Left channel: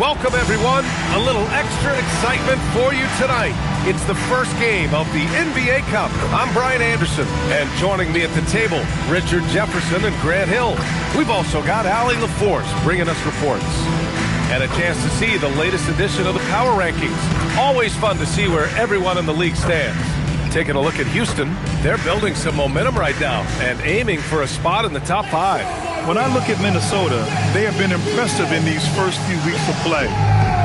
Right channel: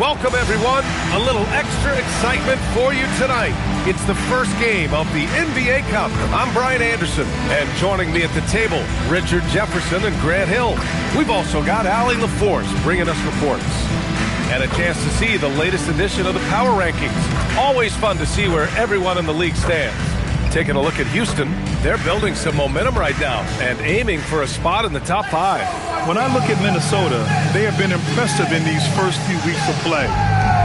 Welcome, everyone. A little extra excitement for you tonight. It's the first game of the NBA Cup. I'm Brian Anderson, and joining me at the table, Richard Jefferson and Grant Hill. We've also got Allie LaForce bringing us reports. And a chance to see the latest edition of the Power Rankings. Always fun to see where everyone in the league stands. Taking a look at Houston, they're building some momentum right now and aiming for a spot in the top 5. When I look at Minnesota, they have been impressive in these first few weeks of play,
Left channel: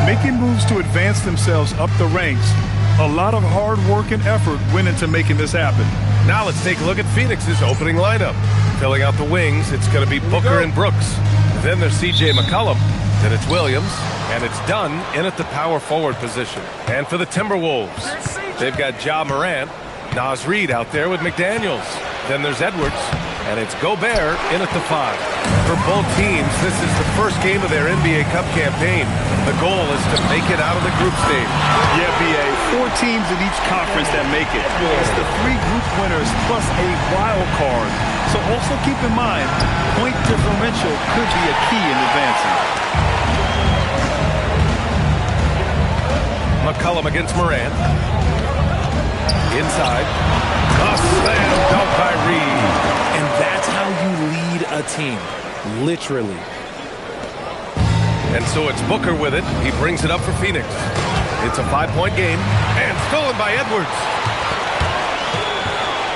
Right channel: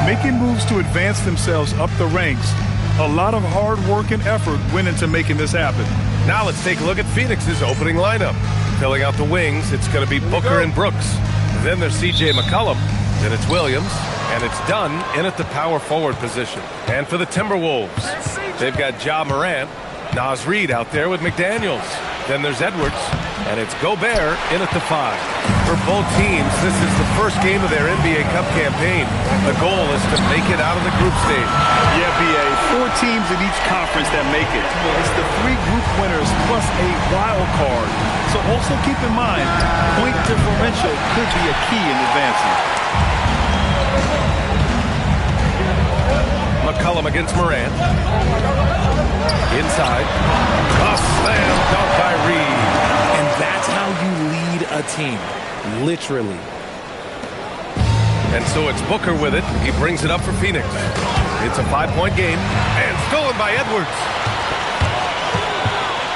making moves to advance themselves up the ranks. A lot of hard work and effort went into making this happen. Now let's take a look at Phoenix's opening lineup. Filling out the wings, it's going to be Booker and Brooks. Then there's C.J. McCollum. Then it's Williams. And it's Dunn in at the power forward position. And for the Timberwolves, they've got Ja Morant, Naz Reid out there with McDaniels. Then there's Edwards, and it's Gobert in at the 5. For both teams, this is the first game of their NBA Cup campaign. The goal is to make it out of the group stage. Yeah, B.A., 4 teams in each conference that make it. It's the 3 group winners plus a wild card. So also keep in mind, point differential could be a key in advancing. McCollum against Morant. Inside. A slam dunk by Reid. And that's how you lead a team. Literally. And so it's Booker with it. He brings it up for Phoenix. It's a 5-point game. And stolen by Edwards.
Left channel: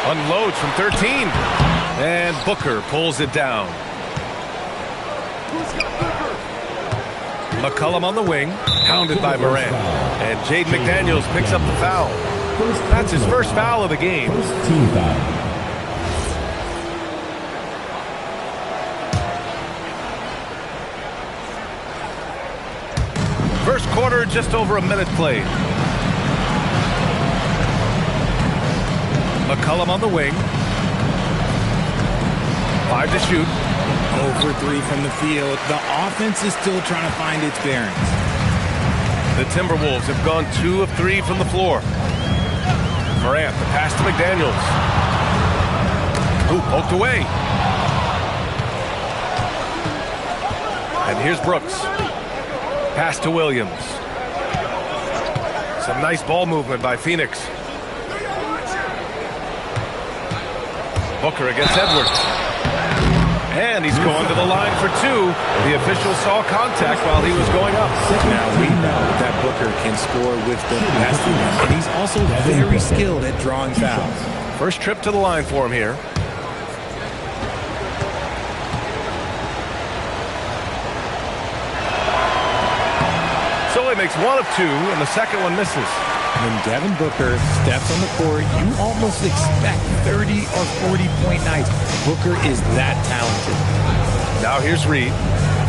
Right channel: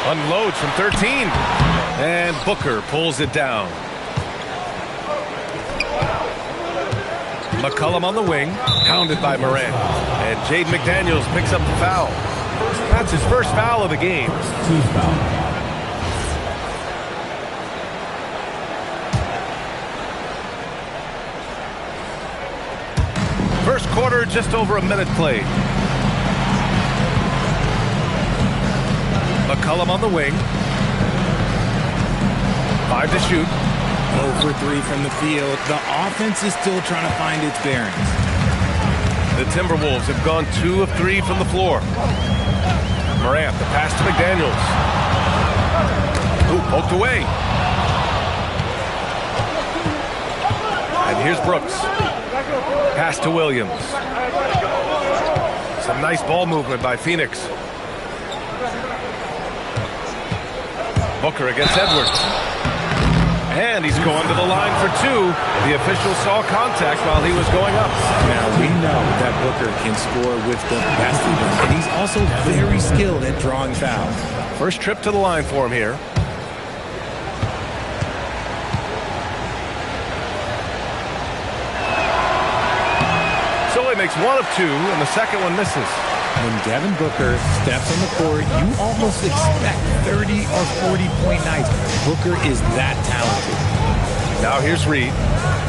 Unloads from 13. And Booker pulls it down. McCollum on the wing. Pounded by Morant. And Jaden McDaniels picks up the foul. That's his first foul of the game. Team foul. First quarter, just over a minute played. McCollum on the wing. 5 to shoot. 0 for 3 from the field. The offense is still trying to find its bearings. The Timberwolves have gone 2 of 3 from the floor. Morant, the pass to McDaniels. Ooh, poked away. And here's Brooks. Pass to Williams. Some nice ball movement by Phoenix. Booker against Edwards. And he's going to the line for 2. The official saw contact while he was going up. Now, we know that Booker can score with the best of them, and he's also very skilled at drawing fouls. First trip to the line for him here. So he makes 1 of 2, and the second one misses. When Devin Booker steps on the court, you almost expect 30 or 40-point nights. Booker is that talented. Now here's Reid,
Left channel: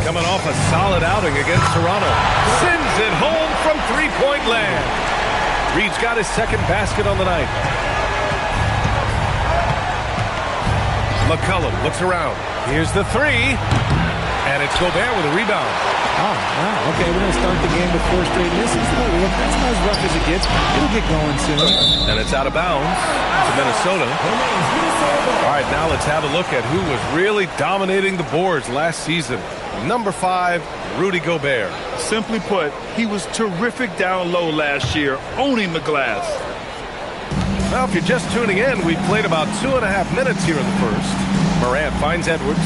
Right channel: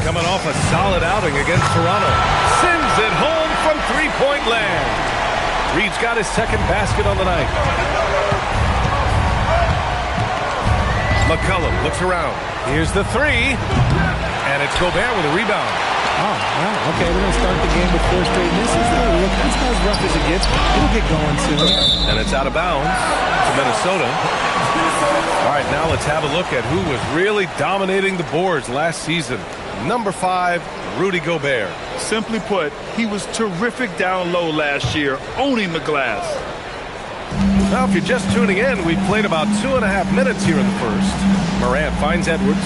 coming off a solid outing against Toronto. Sends it home from 3-point land. Reid's got his second basket on the night. McCollum looks around. Here's the 3. And it's Gobert with a rebound. Oh, wow. Okay, we're going to start the game with 4 straight misses. Look, that's not as rough as it gets. It'll get going soon. And it's out of bounds to Minnesota. All right, now let's have a look at who was really dominating the boards last season. Number 5, Rudy Gobert. Simply put, he was terrific down low last year, owning the glass. Now, if you're just tuning in, we played about 2.5 minutes here in the first. Morant finds Edwards.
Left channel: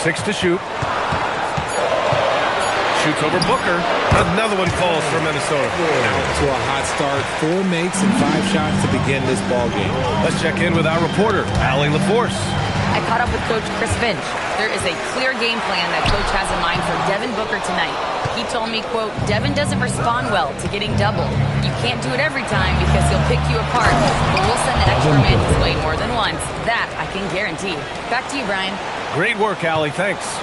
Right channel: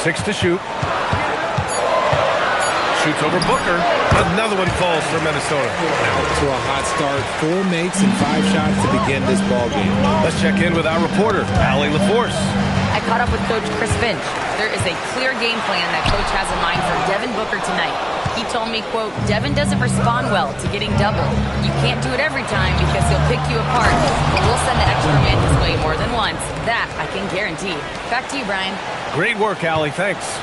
6 to shoot. Shoots over Booker. Another one falls for Minnesota. Out to a hot start. 4 makes and 5 shots to begin this ball game. Let's check in with our reporter, Allie LaForce. I caught up with Coach Chris Finch. There is a clear game plan that Coach has in mind for Devin Booker tonight. He told me, quote, Devin doesn't respond well to getting doubled. You can't do it every time because he'll pick you apart, but we'll send the extra man his way more than once. That I can guarantee. Back to you, Brian. Great work, Allie. Thanks.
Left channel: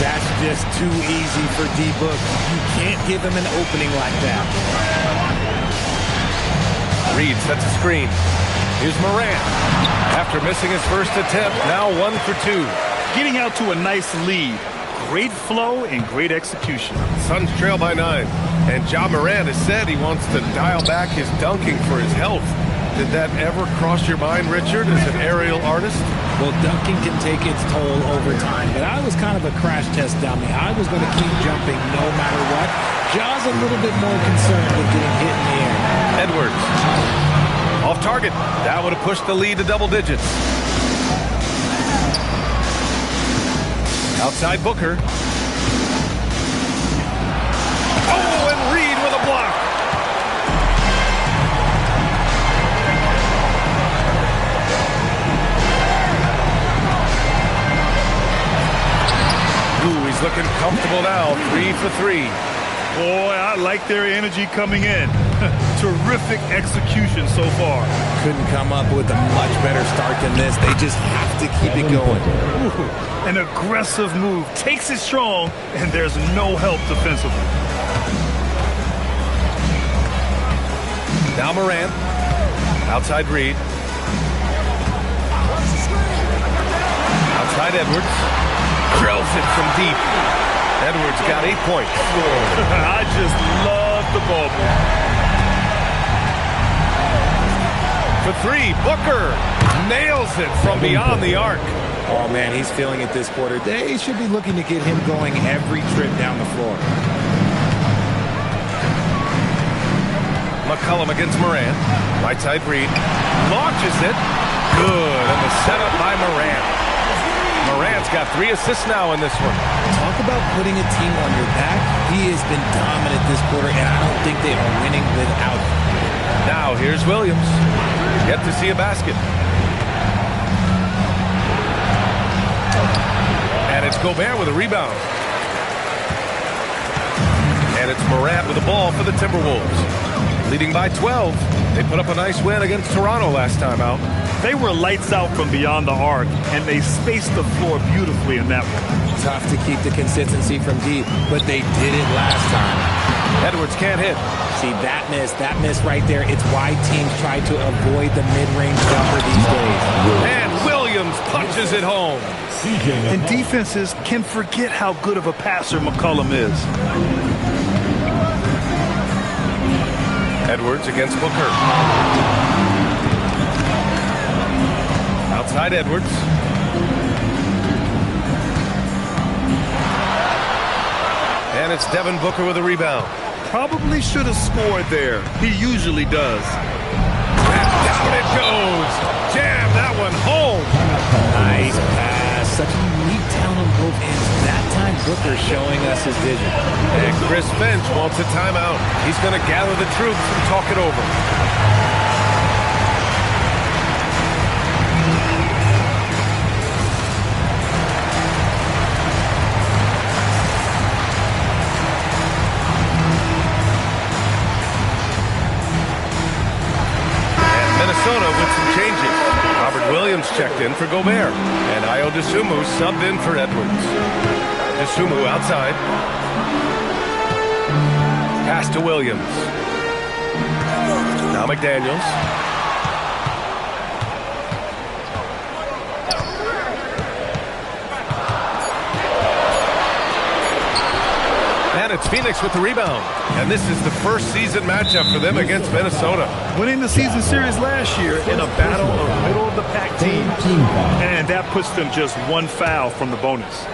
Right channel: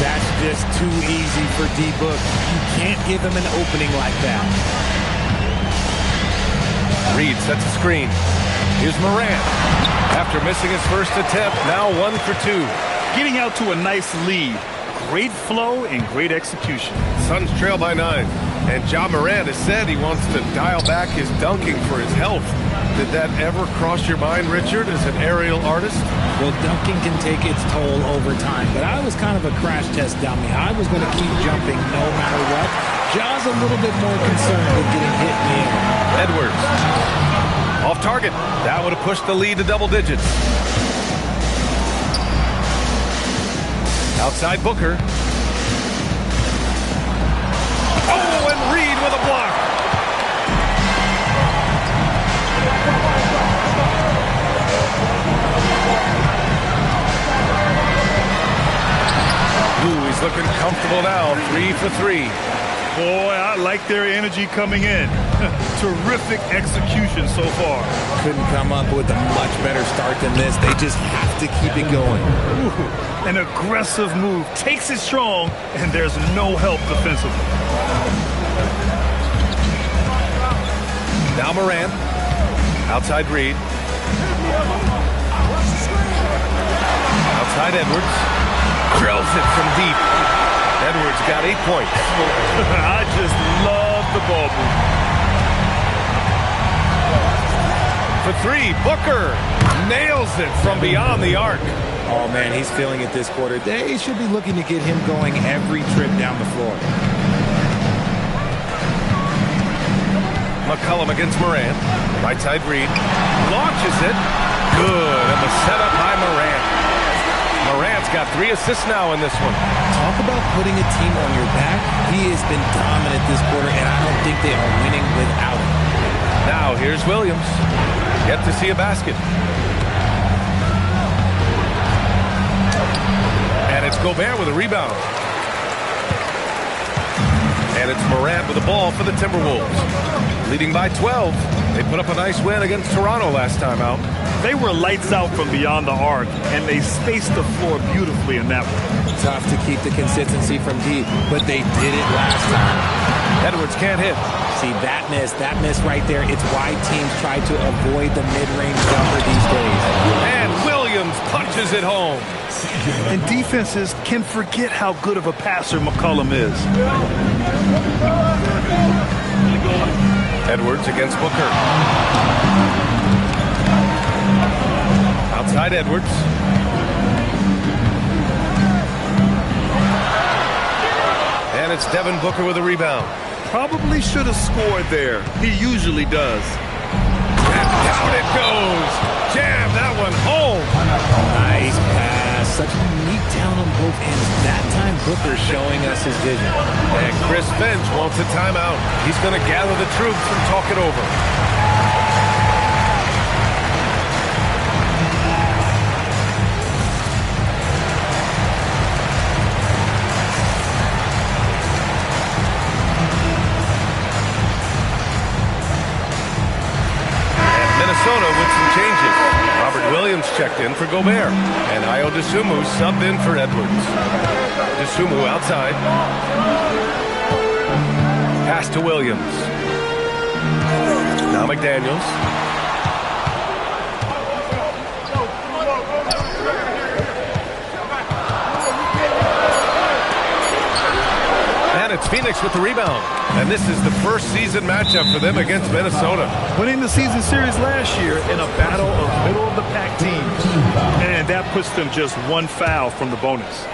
That's just too easy for D-Book. You can't give him an opening like that. Reid sets a screen. Here's Morant. After missing his first attempt, now 1 for 2. Getting out to a nice lead. Great flow and great execution. Suns trail by 9. And Ja Morant has said he wants to dial back his dunking for his health. Did that ever cross your mind, Richard, as an aerial artist? Well, dunking can take its toll over time, but I was kind of a crash test dummy. I was going to keep jumping no matter what. Jaws a little bit more concerned with getting hit in the air. Edwards. Off target. That would have pushed the lead to double digits. Outside Booker. Oh, and Reed with a block. Ooh, he's looking comfortable now. 3 for 3. Boy, I like their energy coming in. Terrific execution so far. Couldn't come up with a much better start than this. They just have to keep it going. Ooh, an aggressive move. Takes it strong, and there's no help defensively. Now Morant. Outside Reed. Outside Edwards. Drills it from deep. Edwards got 8 points. I just love the ball move. For 3, Booker nails it from beyond the arc. Oh, man, he's feeling it this quarter. They should be looking to get him going every trip down the floor. McCollum against Morant. Right side Reed. Launches it. Good. And the setup by Morant. Morant's got 3 assists now in this one. Talk about putting a team on your back. He has been dominant this quarter, and I don't think they are winning without him. Now here's Williams. Yet to see a basket. And it's Gobert with a rebound. And it's Morant with the ball for the Timberwolves. Leading by 12. They put up a nice win against Toronto last time out. They were lights out from beyond the arc, and they spaced the floor beautifully in that one. Tough to keep the consistency from deep, but they did it last time. Edwards can't hit. See, that miss right there, it's why teams try to avoid the mid-range jumper these days. And Williams punches it home. And defenses can forget how good of a passer McCollum is. Edwards against Booker. Outside Edwards. And it's Devin Booker with a rebound. Probably should have scored there. He usually does. And down it goes. Jam that one home. Nice pass. Such a unique talent on both ends. That time Booker showing us his vision. And Chris Finch wants a timeout. He's going to gather the troops and talk it over. Minnesota with some changes. Robert Williams checked in for Gobert. And Ayo Dosunmu subbed in for Edwards. Dosunmu outside. Pass to Williams. Now McDaniels. And it's Phoenix with the rebound. And this is the first season matchup for them against Minnesota. Winning the season series last year in a battle of middle-of-the-pack teams. And that puts them just 1 foul from the bonus.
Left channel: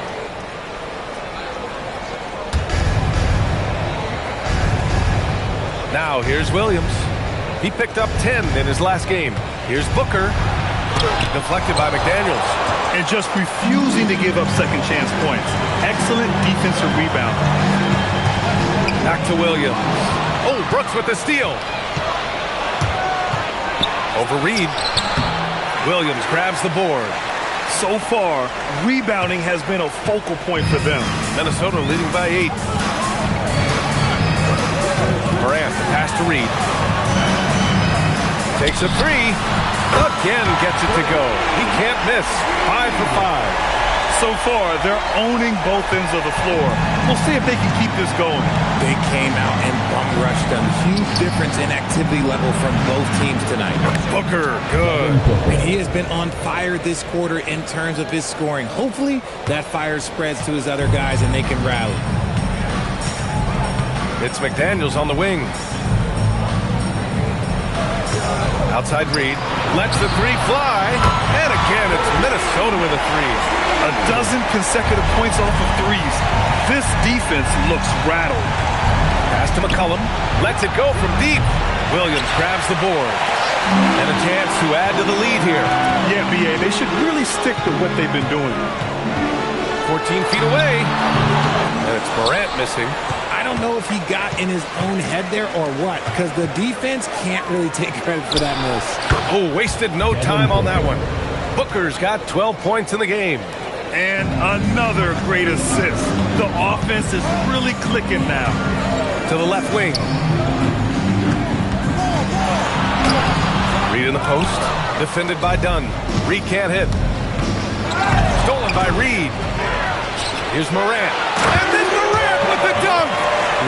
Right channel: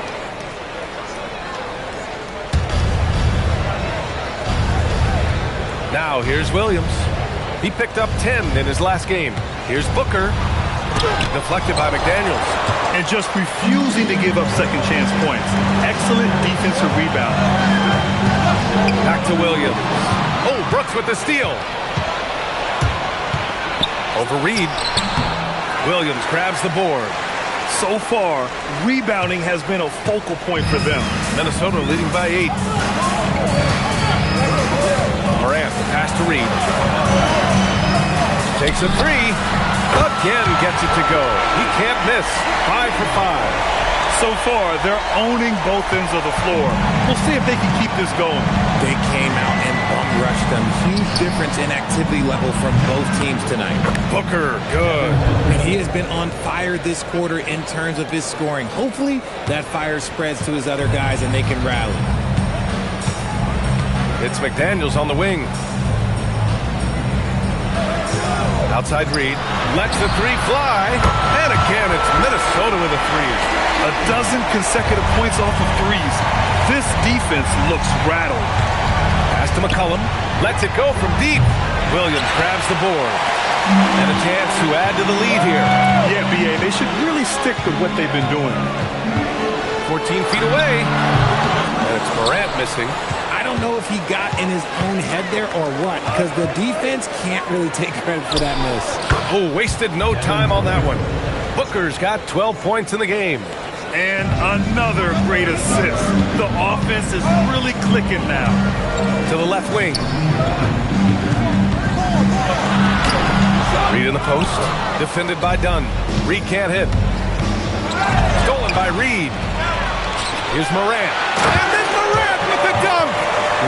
Now here's Williams. He picked up 10 in his last game. Here's Booker. Deflected by McDaniels. And just refusing to give up second chance points. Excellent defensive rebound. Back to Williams. Oh, Brooks with the steal. Over Reed. Williams grabs the board. So far, rebounding has been a focal point for them. Minnesota leading by 8. Morant, the pass to Reed. Takes a 3. Again gets it to go. He can't miss. 5 for 5. So far, they're owning both ends of the floor. We'll see if they can keep this going. They came out and bum rushed them. Huge difference in activity level from both teams tonight. Booker, good. And he has been on fire this quarter in terms of his scoring. Hopefully, that fire spreads to his other guys and they can rally. It's McDaniels on the wing. Outside Reed. Lets the three fly. And again, it's Minnesota with a three. A dozen consecutive points off of threes. This defense looks rattled. Pass to McCollum. Lets it go from deep. Williams grabs the board. And a chance to add to the lead here. Yeah, B.A., they should really stick with what they've been doing. 14 feet away. And it's Morant missing. I don't know if he got in his own head there or what, because the defense can't really take credit for that miss. Oh, wasted no time on that one. Booker's got 12 points in the game. And another great assist. The offense is really clicking now. To the left wing. Reed in the post. Defended by Dunn. Reed can't hit. Stolen by Reed. Here's Morant. And then Morant with the dunk.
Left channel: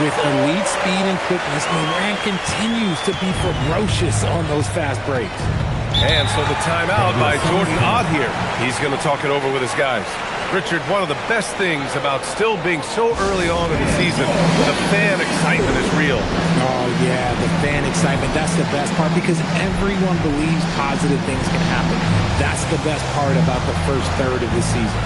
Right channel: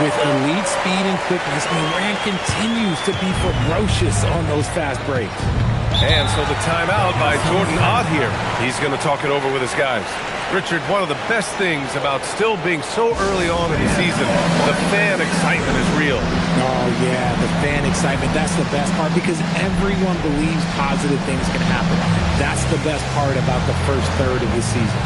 With elite speed and quickness, Morant continues to be ferocious on those fast breaks. And so the timeout by Jordan Ott here. He's going to talk it over with his guys. Richard, one of the best things about still being so early on in the season, the fan excitement is real. Oh, yeah, the fan excitement. That's the best part because everyone believes positive things can happen. That's the best part about the first third of the season.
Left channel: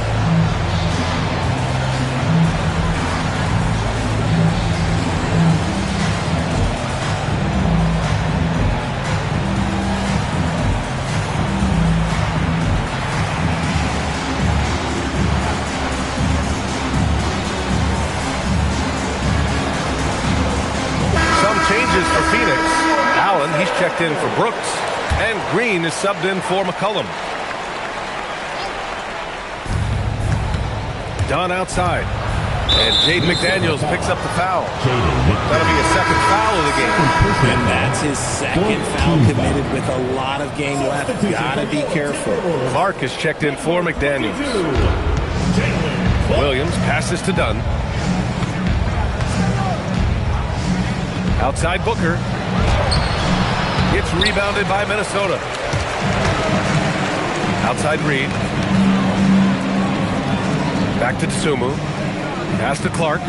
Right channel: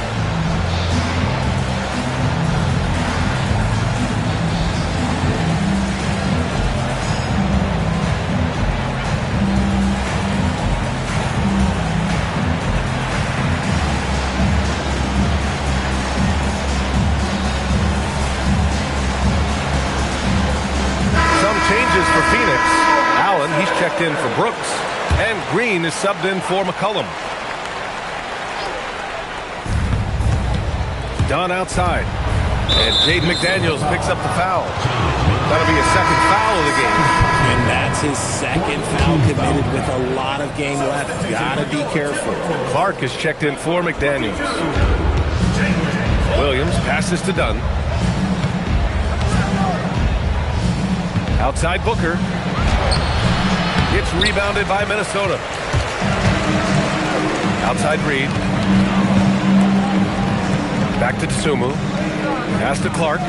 Changes for Phoenix. Allen, he's checked in for Brooks. And Green is subbed in for McCollum. Dunn outside. And Jaden McDaniels picks up the foul. That'll be a second foul of the game. And that's his second foul committed with a lot of game left. Gotta be careful. Clark is checked in for McDaniels. Williams passes to Dunn. Outside Booker. It's rebounded by Minnesota. Outside Reed. Back to Dosunmu. Pass to Clark.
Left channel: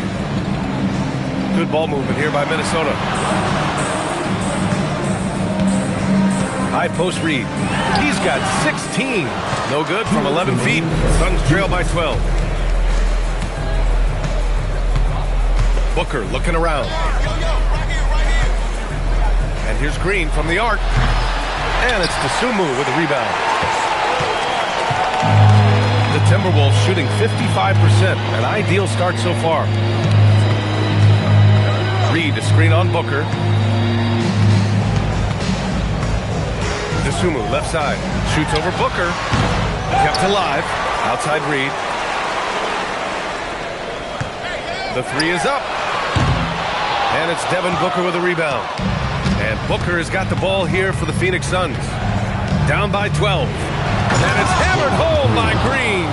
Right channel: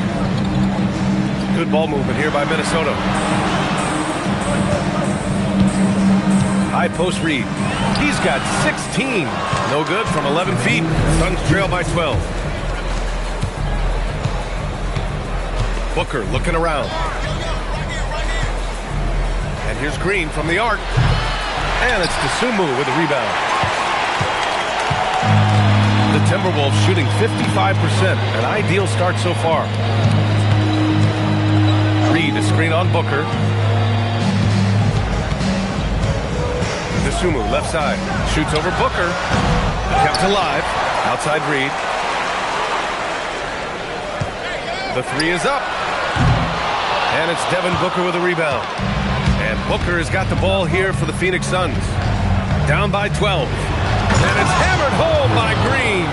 Good ball movement here by Minnesota. High post Reed. He's got 16. No good from 11 feet. Suns trail by 12. Booker looking around. And here's Green from the arc. And it's Dosunmu with the rebound. The Timberwolves shooting 55%. An ideal start so far. Reed to screen on Booker. Dosunmu left side. Shoots over Booker. Kept alive. Outside Reed. The three is up. And it's Devin Booker with a rebound. And Booker has got the ball here for the Phoenix Suns. Down by 12. And it's hammered home by Green.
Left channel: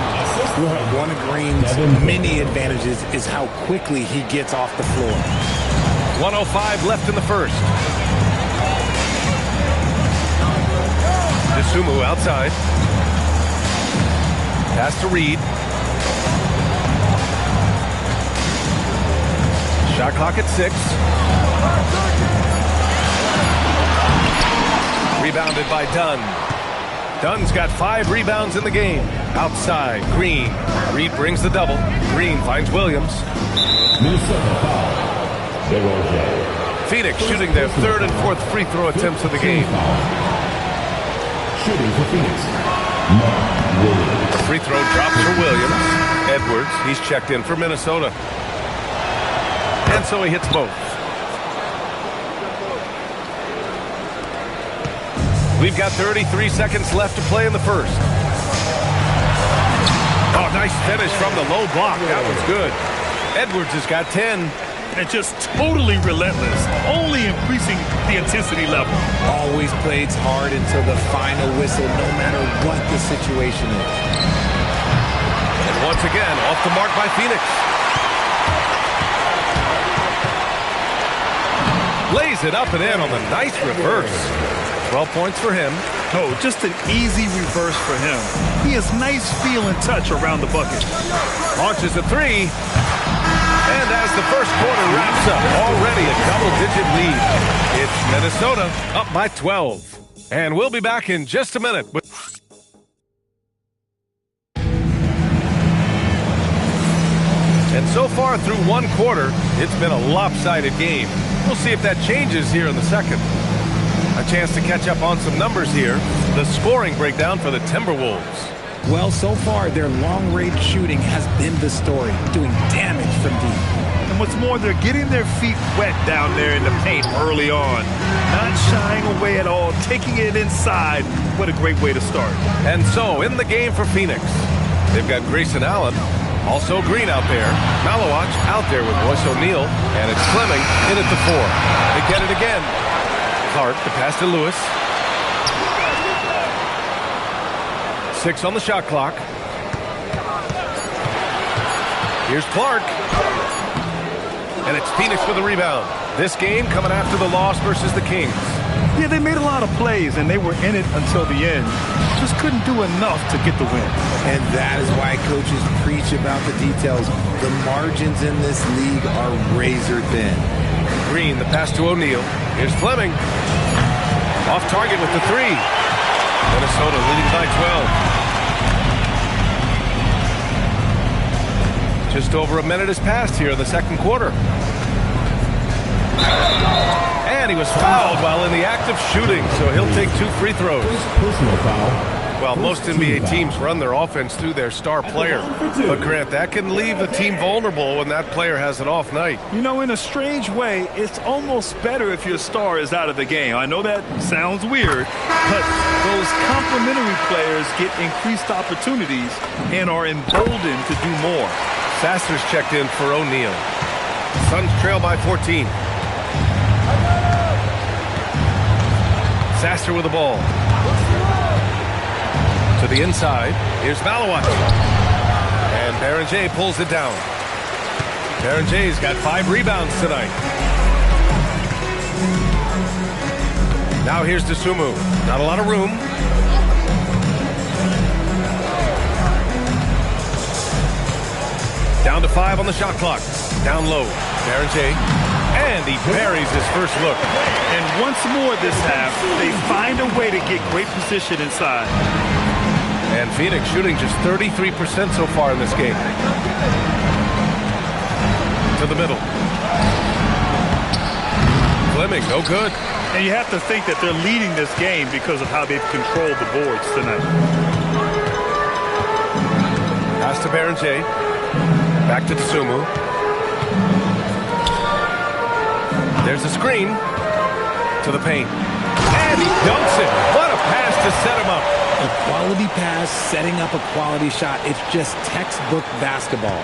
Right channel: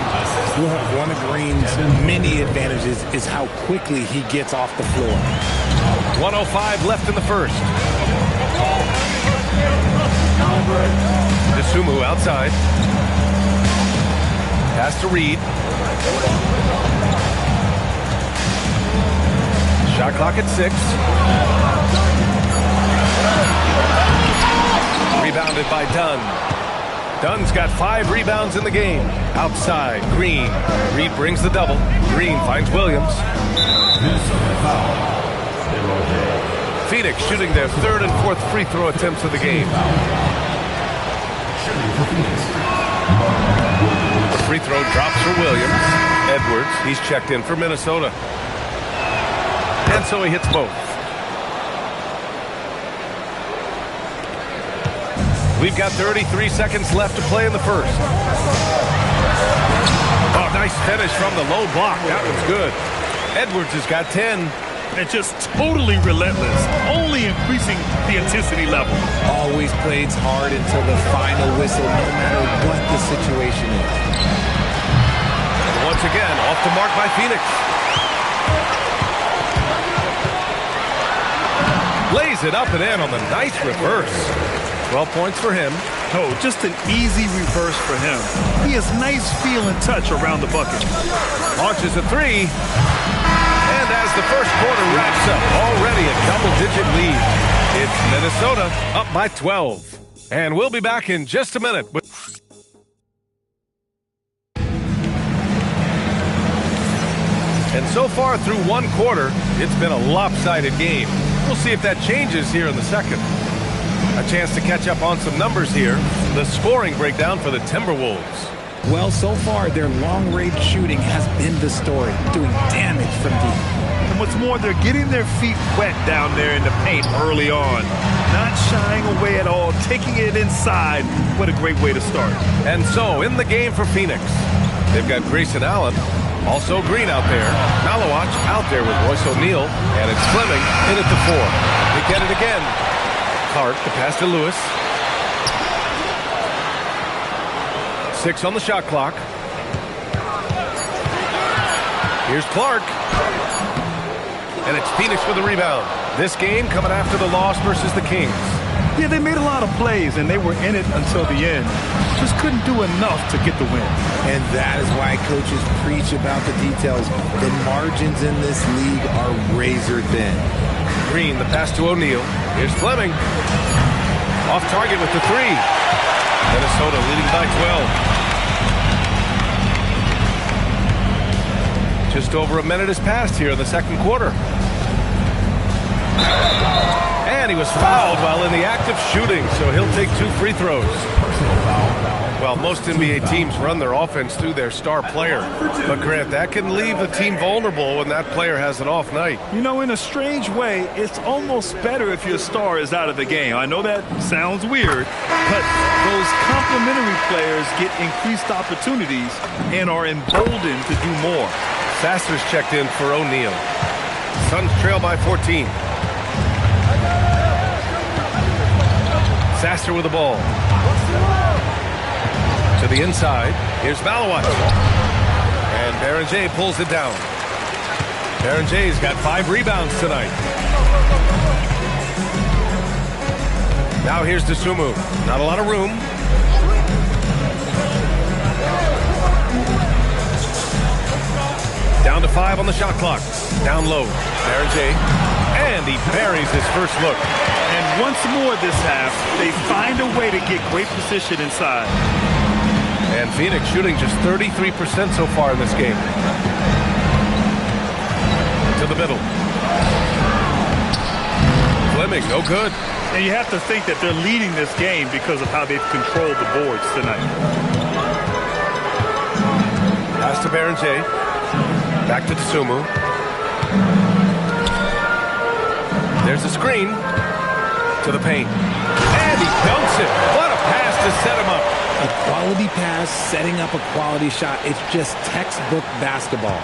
One of Green's many advantages is how quickly he gets off the floor. 1:05 left in the first. Dosunmu outside. Pass to Reed. Shot clock at 6. Rebounded by Dunn. Dunn's got 5 rebounds in the game. Outside, Green. Reed brings the double. Green finds Williams. Phoenix shooting their 3rd and 4th free throw attempts of the game. Shooting for Phoenix. The free throw drops for Williams. Edwards, he's checked in for Minnesota. And so he hits both. We've got 33 seconds left to play in the first. Oh, nice finish from the low block. That one's good. Edwards has got 10. And just totally relentless, only increasing the intensity level. Always plays hard until the final whistle, no matter what the situation is. And once again, off the mark by Phoenix. Lays it up and in on the nice reverse. 12 points for him. Oh, just an easy reverse for him. He has nice feel and touch around the bucket. Launches a 3. And as the first quarter wraps up, already a double-digit lead. It's Minnesota up by 12. And we'll be back in just a minute. And so far through one quarter, it's been a lopsided game. We'll see if that changes here in the second. A chance to catch up on some numbers here. The scoring breakdown for the Timberwolves. Well, so far, their long-range shooting has been the story, doing damage from deep. And what's more, they're getting their feet wet down there in the paint early on. Not shying away at all, taking it inside. What a great way to start. And so, in the game for Phoenix, they've got Grayson Allen, also Green out there, Malawach out there with Royce O'Neal, and it's Fleming in at the 4. They get it again. Clark, the pass to Lewis. 6 on the shot clock. Here's Clark. And it's Phoenix with the rebound. This game coming after the loss versus the Kings. Yeah, they made a lot of plays, and they were in it until the end. Just couldn't do enough to get the win. And that is why coaches preach about the details. The margins in this league are razor thin. Green, the pass to O'Neal. Here's Fleming. Off target with the 3. Minnesota leading by 12. Just over a minute has passed here in the second quarter. And he was fouled while in the act of shooting, so he'll take 2 free throws. Personal foul. Well, most NBA teams run their offense through their star player. But, Grant, that can leave the team vulnerable when that player has an off night. You know, in a strange way, it's almost better if your star is out of the game. I know that sounds weird, but those complementary players get increased opportunities and are emboldened to do more. Sasser's checked in for O'Neal. Suns trail by 14. Sasser with the ball. To the inside. Here's Malawach. And Berenger pulls it down. Berenger's got 5 rebounds tonight. Now here's Dosunmu. Not a lot of room. Down to 5 on the shot clock. Down low. Berenger. And he buries his first look. And once more this half, they find a way to get great position inside. And Phoenix shooting just 33% so far in this game. To the middle. Fleming, no good. And you have to think that they're leading this game because of how they've controlled the boards tonight. Pass to Berenger. Back to Dosunmu. There's a screen. To the paint. And he dunks it. What a pass to set him up. A quality pass, setting up a quality shot. It's just textbook basketball.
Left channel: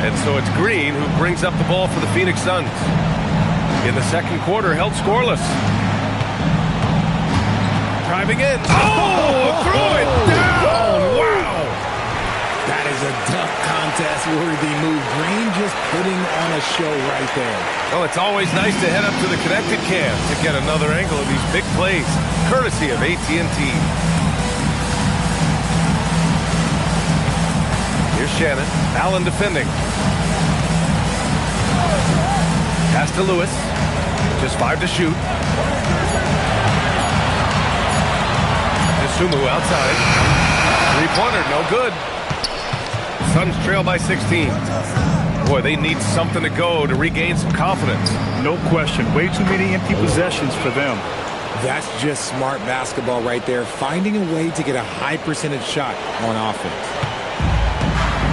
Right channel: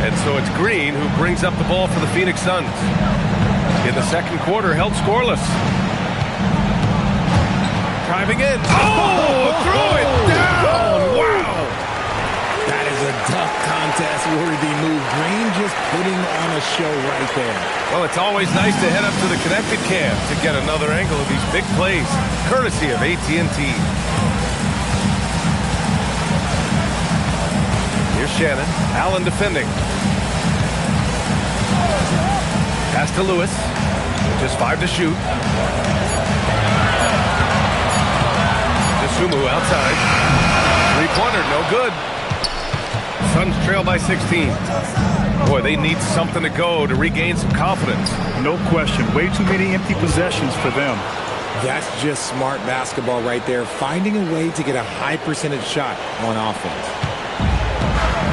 And so it's Green who brings up the ball for the Phoenix Suns. In the second quarter, held scoreless. Driving in. Oh, throw it down. Wow. That is a dunk contest-worthy move. Green just putting on a show right there. Well, it's always nice to head up to the connected cam to get another angle of these big plays, courtesy of AT&T. Here's Shannon. Allen defending. Pass to Lewis. Just 5 to shoot. Dosunmu outside. Three-pointer, no good. Suns trail by 16. Boy, they need something to go to regain some confidence. No question. Way too many empty possessions for them. That's just smart basketball right there. Finding a way to get a high percentage shot on offense.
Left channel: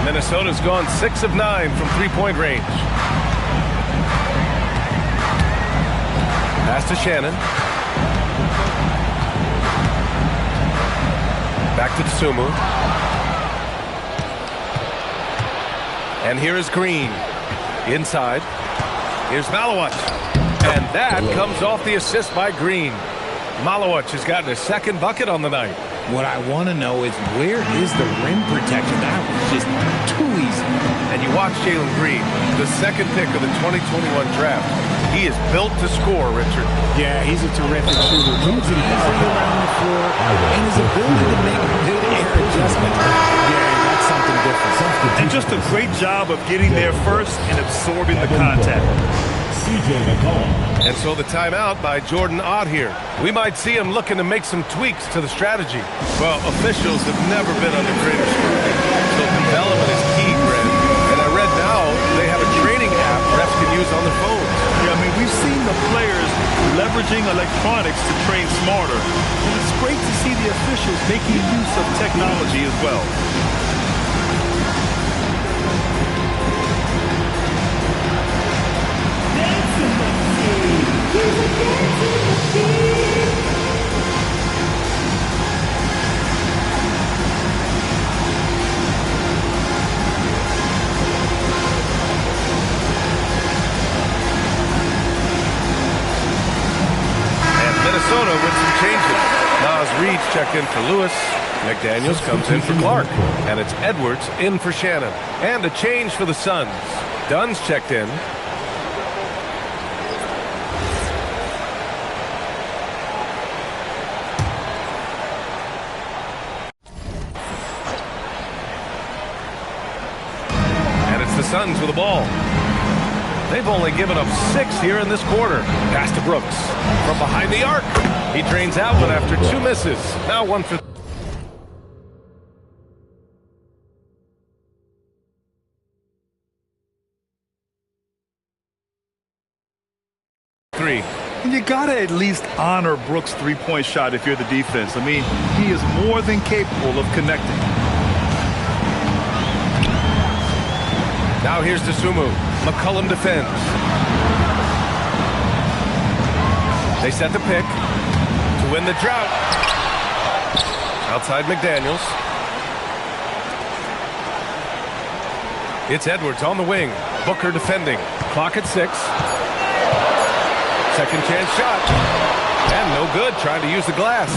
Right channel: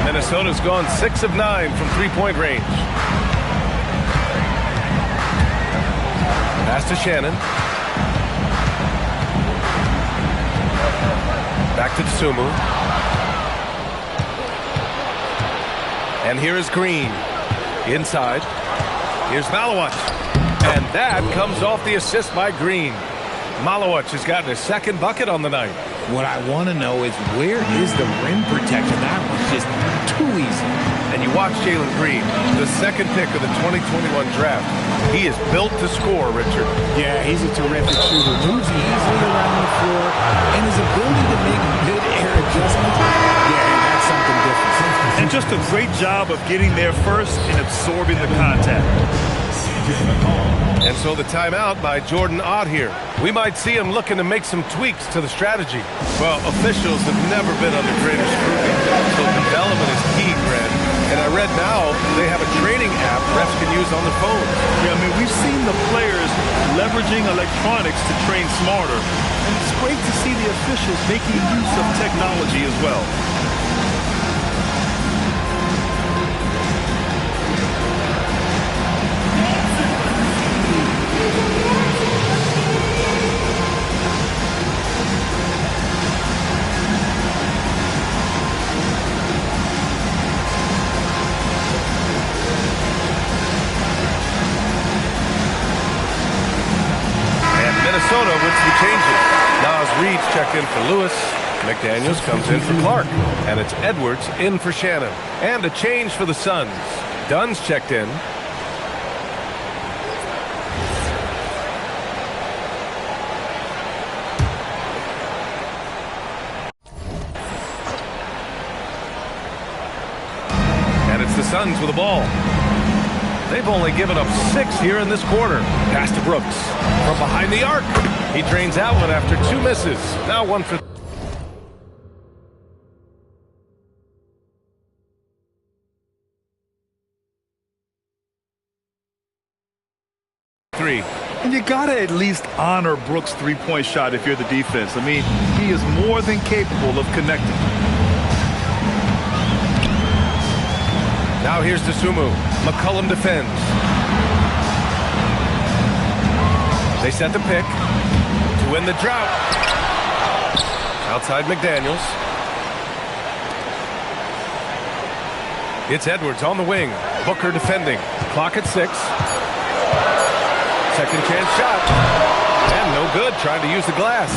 Minnesota's gone 6 of 9 from three-point range. Pass to Shannon. Back to Dosunmu. And here is Green. Inside. Here's Malawach. And that comes off the assist by Green. Malawach has gotten his second bucket on the night. What I want to know is where is the rim protection? That was just too easy. And you watch Jalen Green, the second pick of the 2021 draft. He is built to score, Richard. Yeah, he's a terrific shooter. Moves easily around the floor, and his ability to make mid-air adjustments, yeah, that's something different. And just a great job of getting there first and absorbing the contact. And so the timeout by Jordan Ott here. We might see him looking to make some tweaks to the strategy. Well, officials have never been under greater scrutiny, so development is key, Grant. And I read now they have a training app refs can use on their phones. Yeah, I mean, we've seen the players leveraging electronics to train smarter. And it's great to see the officials making use of technology as well. Minnesota with some changes. Nas Reed's checked in for Lewis. McDaniels comes in for Clark. And it's Edwards in for Shannon. And a change for the Suns. Dunn's checked in. And it's the Suns with the ball. They've only given up 6 here in this quarter. Pass to Brooks. From behind the arc. He drains that one after 2 misses. Now 1 for 3. And you got to at least honor Brooks' three-point shot if you're the defense. I mean, he is more than capable of connecting. Now here's Dosunmu. McCollum defends. They set the pick to win the drought. Outside McDaniels. It's Edwards on the wing. Booker defending. Clock at 6. Second chance shot. And no good. Trying to use the glass.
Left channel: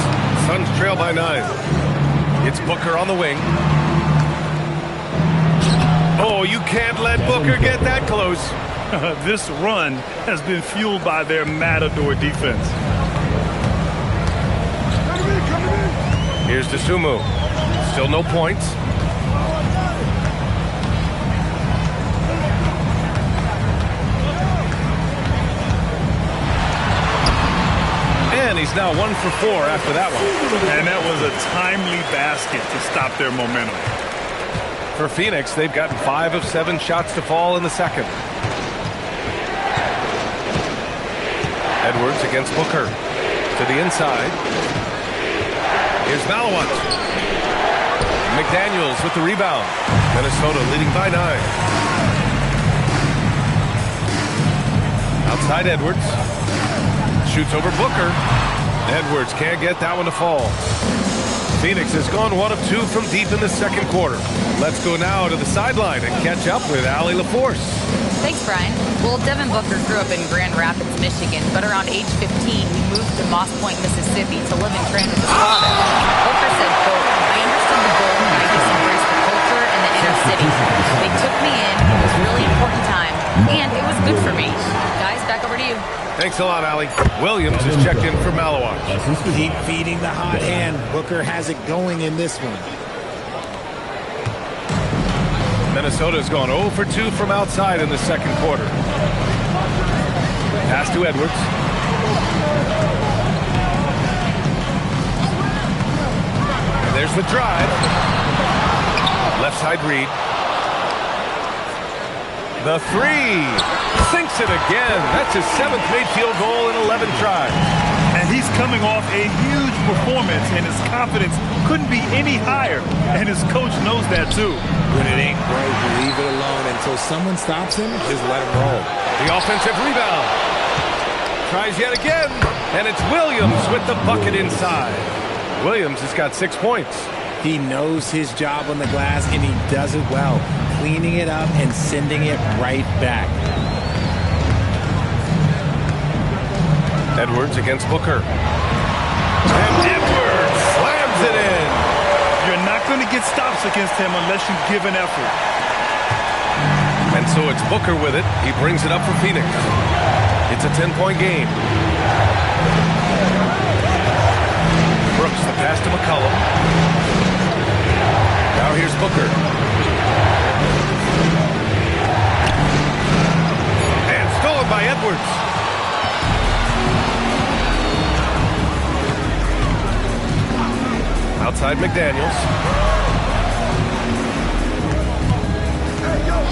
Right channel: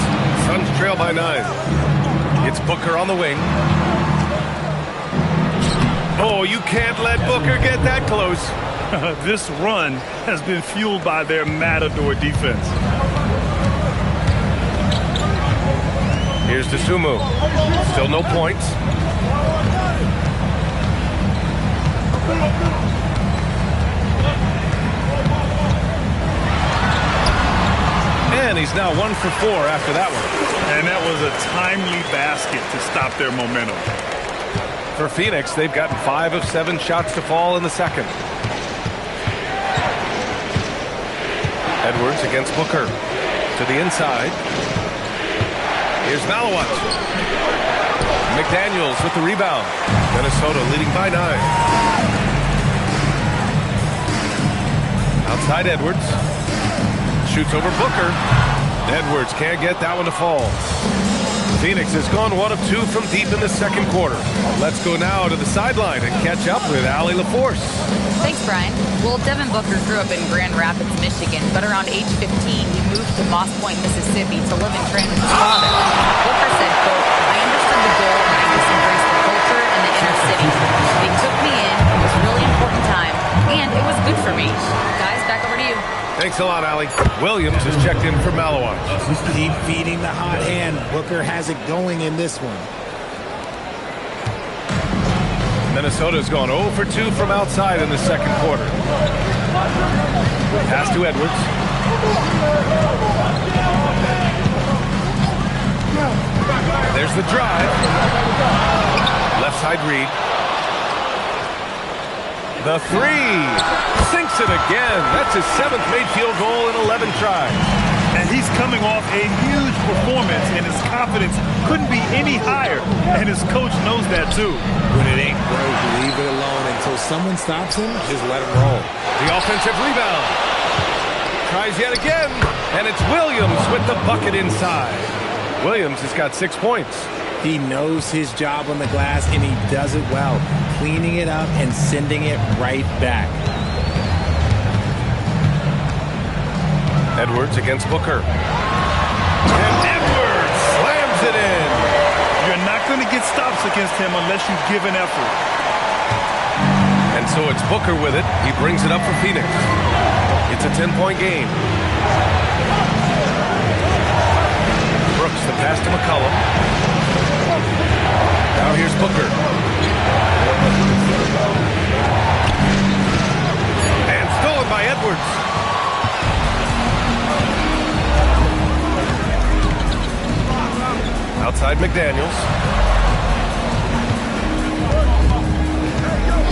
Suns trail by 9. It's Booker on the wing. Oh, you can't let Booker get that close. This run has been fueled by their Matador defense. Here's Dosunmu. Still no points. And he's now 1 for 4 after that one. And that was a timely basket to stop their momentum. For Phoenix, they've gotten 5 of 7 shots to fall in the second. Edwards against Booker. To the inside. Here's Malawat. McDaniels with the rebound. Minnesota leading by 9. Outside Edwards. Shoots over Booker. Edwards can't get that one to fall. Phoenix has gone 1 of 2 from deep in the second quarter. Let's go now to the sideline and catch up with Allie LaForce. Thanks, Brian. Well, Devin Booker grew up in Grand Rapids, Michigan, but around age 15, he moved to Moss Point, Mississippi to live and train with his father. Booker said, quote, "I understood the goal and I just embraced the culture and the inner city. They took me in. It was a really important time, and it was good for me." Guys, back over to you. Thanks a lot, Allie. Williams is checked in for Malawat. Keep feeding the hot hand. Booker has it going in this one. Minnesota's gone 0 for 2 from outside in the second quarter. Pass to Edwards. And there's the drive. Left side Reed. The 3. Sinks it again. That's his 7th made field goal in 11 tries. And he's coming off a huge performance, and his confidence couldn't be any higher. And his coach knows that, too. When it ain't broke, leave it alone until someone stops him. Just let him roll. The offensive rebound. Tries yet again. And it's Williams with the bucket inside. Williams has got 6 points. He knows his job on the glass, and he does it well. Cleaning it up and sending it right back. Edwards against Booker. And Edwards slams it in. You're not going to get stops against him unless you give an effort. And so it's Booker with it. He brings it up for Phoenix. It's a 10-point game. Brooks, the pass to McCollum. Now here's Booker. And stolen rebound by Edwards. Outside McDaniels.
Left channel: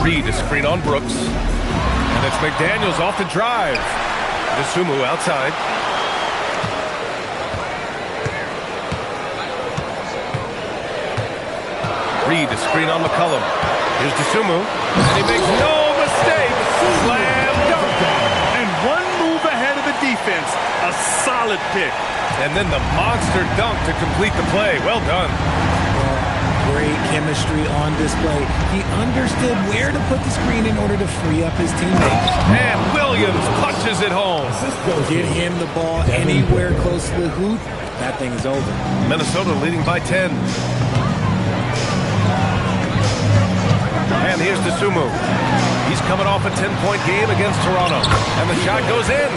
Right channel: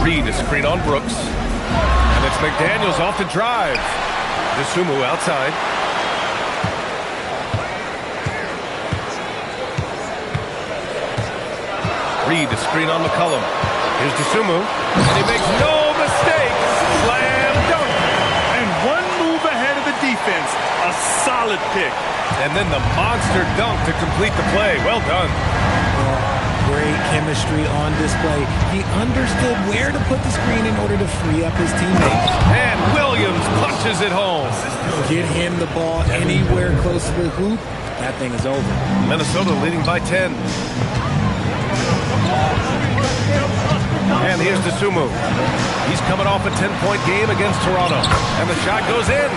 Reed, a screen on Brooks. And it's McDaniels off the drive. Dosunmu outside. Reed, a screen on McCollum. Here's Dosunmu. And he makes no mistake. Slam dunk. And one move ahead of the defense. A solid pick. And then the monster dunk to complete the play. Well done. Great chemistry on display. He understood where to put the screen in order to free up his teammates. And Williams punches it home. Get him the ball anywhere close to the hoop. That thing is over. Minnesota leading by 10. And here's Dosunmu. He's coming off a 10-point game against Toronto. And the shot goes in.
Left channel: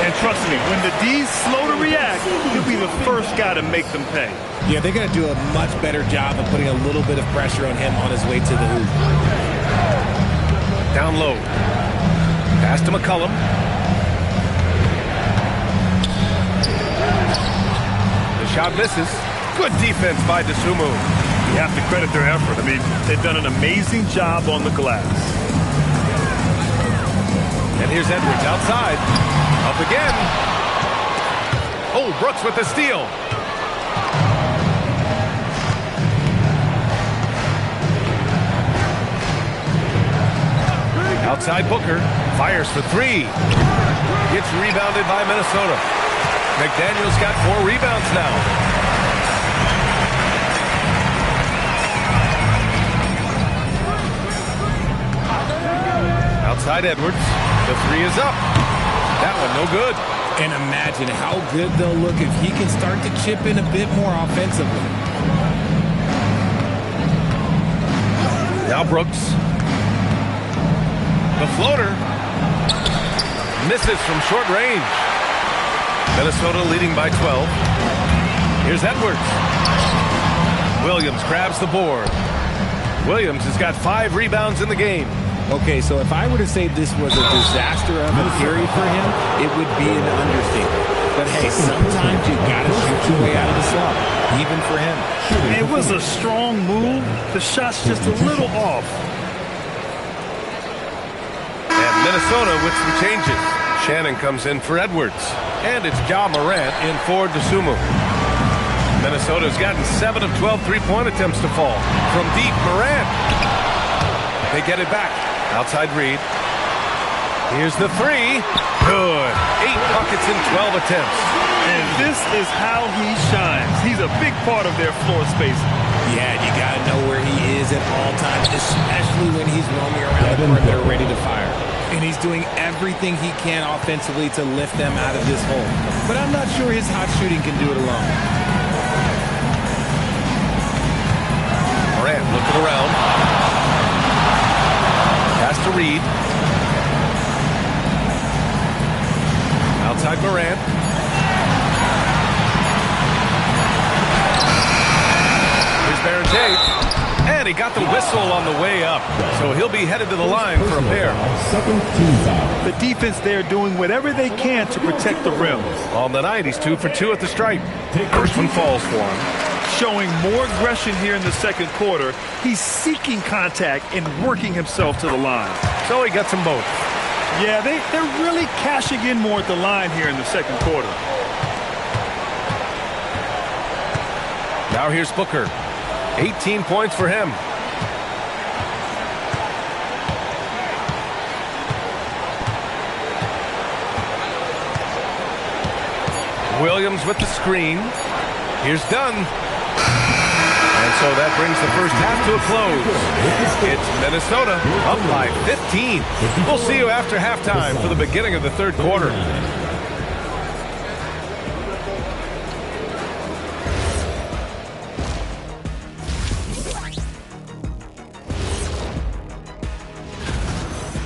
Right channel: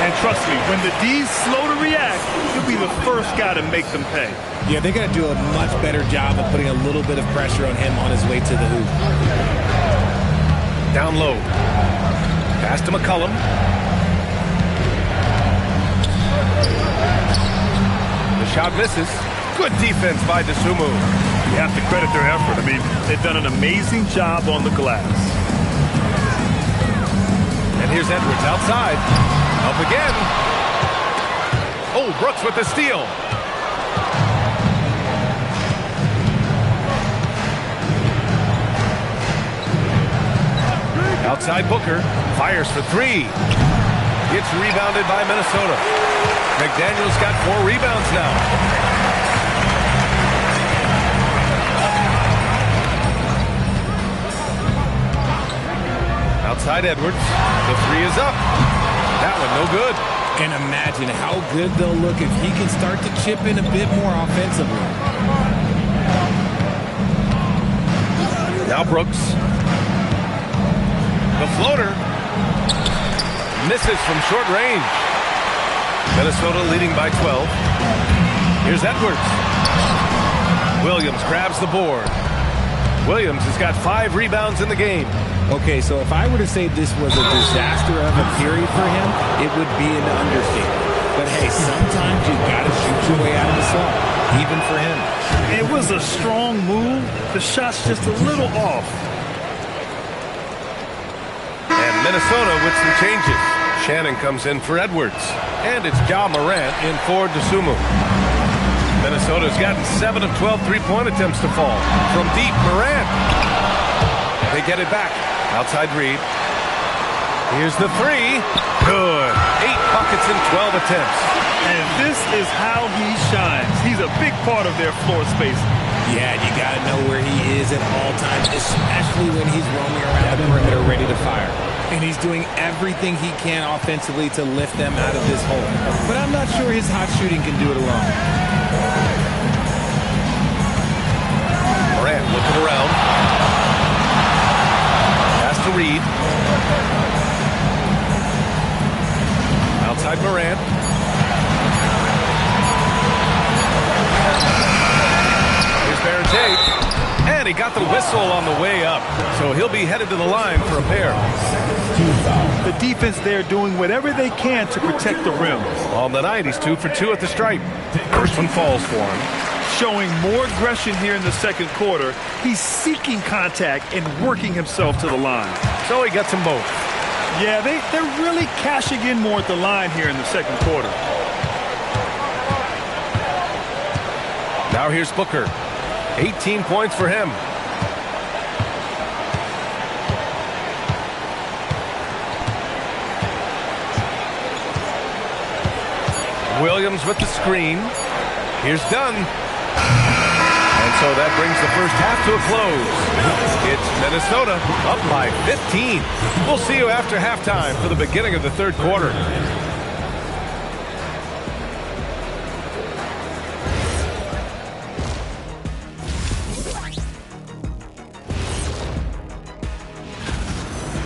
And trust me, when the D's slow to react, he'll be the first guy to make them pay. Yeah, they're going to do a much better job of putting a little bit of pressure on him on his way to the hoop. Down low. Pass to McCollum. The shot misses. Good defense by Dosunmu. You have to credit their effort. I mean, they've done an amazing job on the glass. And here's Edwards outside. Up again. Oh, Brooks with the steal. Outside Booker. Fires for three. Gets rebounded by Minnesota. McDaniels got 4 rebounds now. Outside Edwards. The three is up. That one no good. And imagine how good they'll look if he can start to chip in a bit more offensively. Now Brooks. The floater. Misses from short range. Minnesota leading by 12. Here's Edwards. Williams grabs the board. Williams has got 5 rebounds in the game. Okay, so if I were to say this was a disaster of a period for him, it would be an understatement. But hey, sometimes you got to shoot your way out of the slump, even for him. It was a strong move. The shot's just a little off. And Minnesota with some changes. Shannon comes in for Edwards. And it's Ja Morant in for Dosunmu. Minnesota's gotten 7 of 12 three-point attempts to fall. From deep, Morant. They get it back. Outside Reed. Here's the three. Good. 8 buckets in 12 attempts. And this is how he shines. He's a big part of their floor space. Yeah, you got to know where he is at all times, especially when he's roaming around the perimeter ready to fire. And he's doing everything he can offensively to lift them out of this hole. But I'm not sure his hot shooting can do it alone. Morant looking around. Pass to Reed. Outside Morant. Here's Barrett. And he got the whistle on the way up. So he'll be headed to the line for a pair. The defense there doing whatever they can to protect the rim. On the night, he's 2 for 2 at the stripe. First one falls for him. Showing more aggression here in the second quarter. He's seeking contact and working himself to the line. So he gets them both. Yeah, they're really cashing in more at the line here in the second quarter. Now here's Booker. 18 points for him. Williams with the screen. Here's Dunn. And so that brings the first half to a close. It's Minnesota up by 15. We'll see you after halftime for the beginning of the third quarter.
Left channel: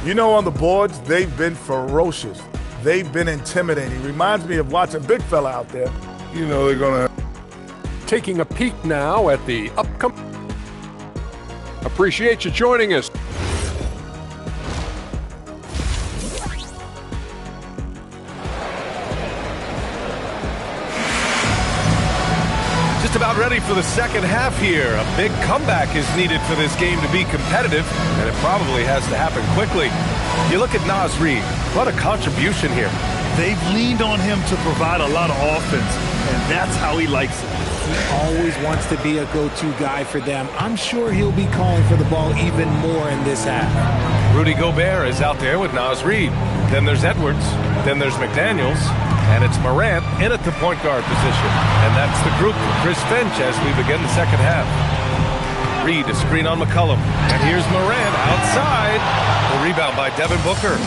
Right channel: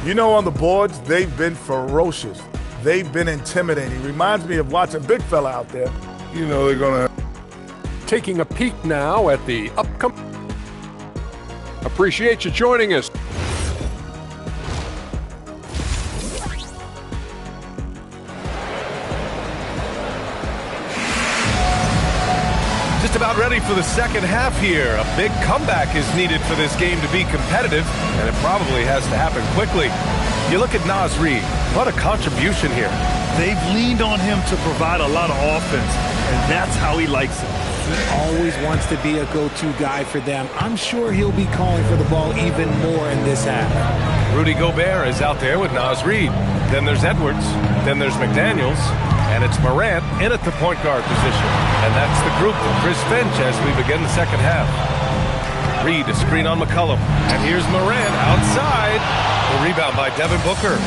You know, on the boards, they've been ferocious. They've been intimidating. Reminds me of watching big fella out there. You know, they're going to... Taking a peek now at the upcoming. Appreciate you joining us. Just about ready for the second half here. A big comeback is needed for this game to be competitive, and it probably has to happen quickly. You look at Naz Reid. What a contribution here. They've leaned on him to provide a lot of offense, and that's how he likes it. He always wants to be a go-to guy for them. I'm sure he'll be calling for the ball even more in this half. Rudy Gobert is out there with Naz Reid. Then there's Edwards. Then there's McDaniels. And it's Morant in at the point guard position. And that's the group for Chris Finch as we begin the second half. Reid, a screen on McCollum. And here's Morant outside. The rebound by Devin Booker.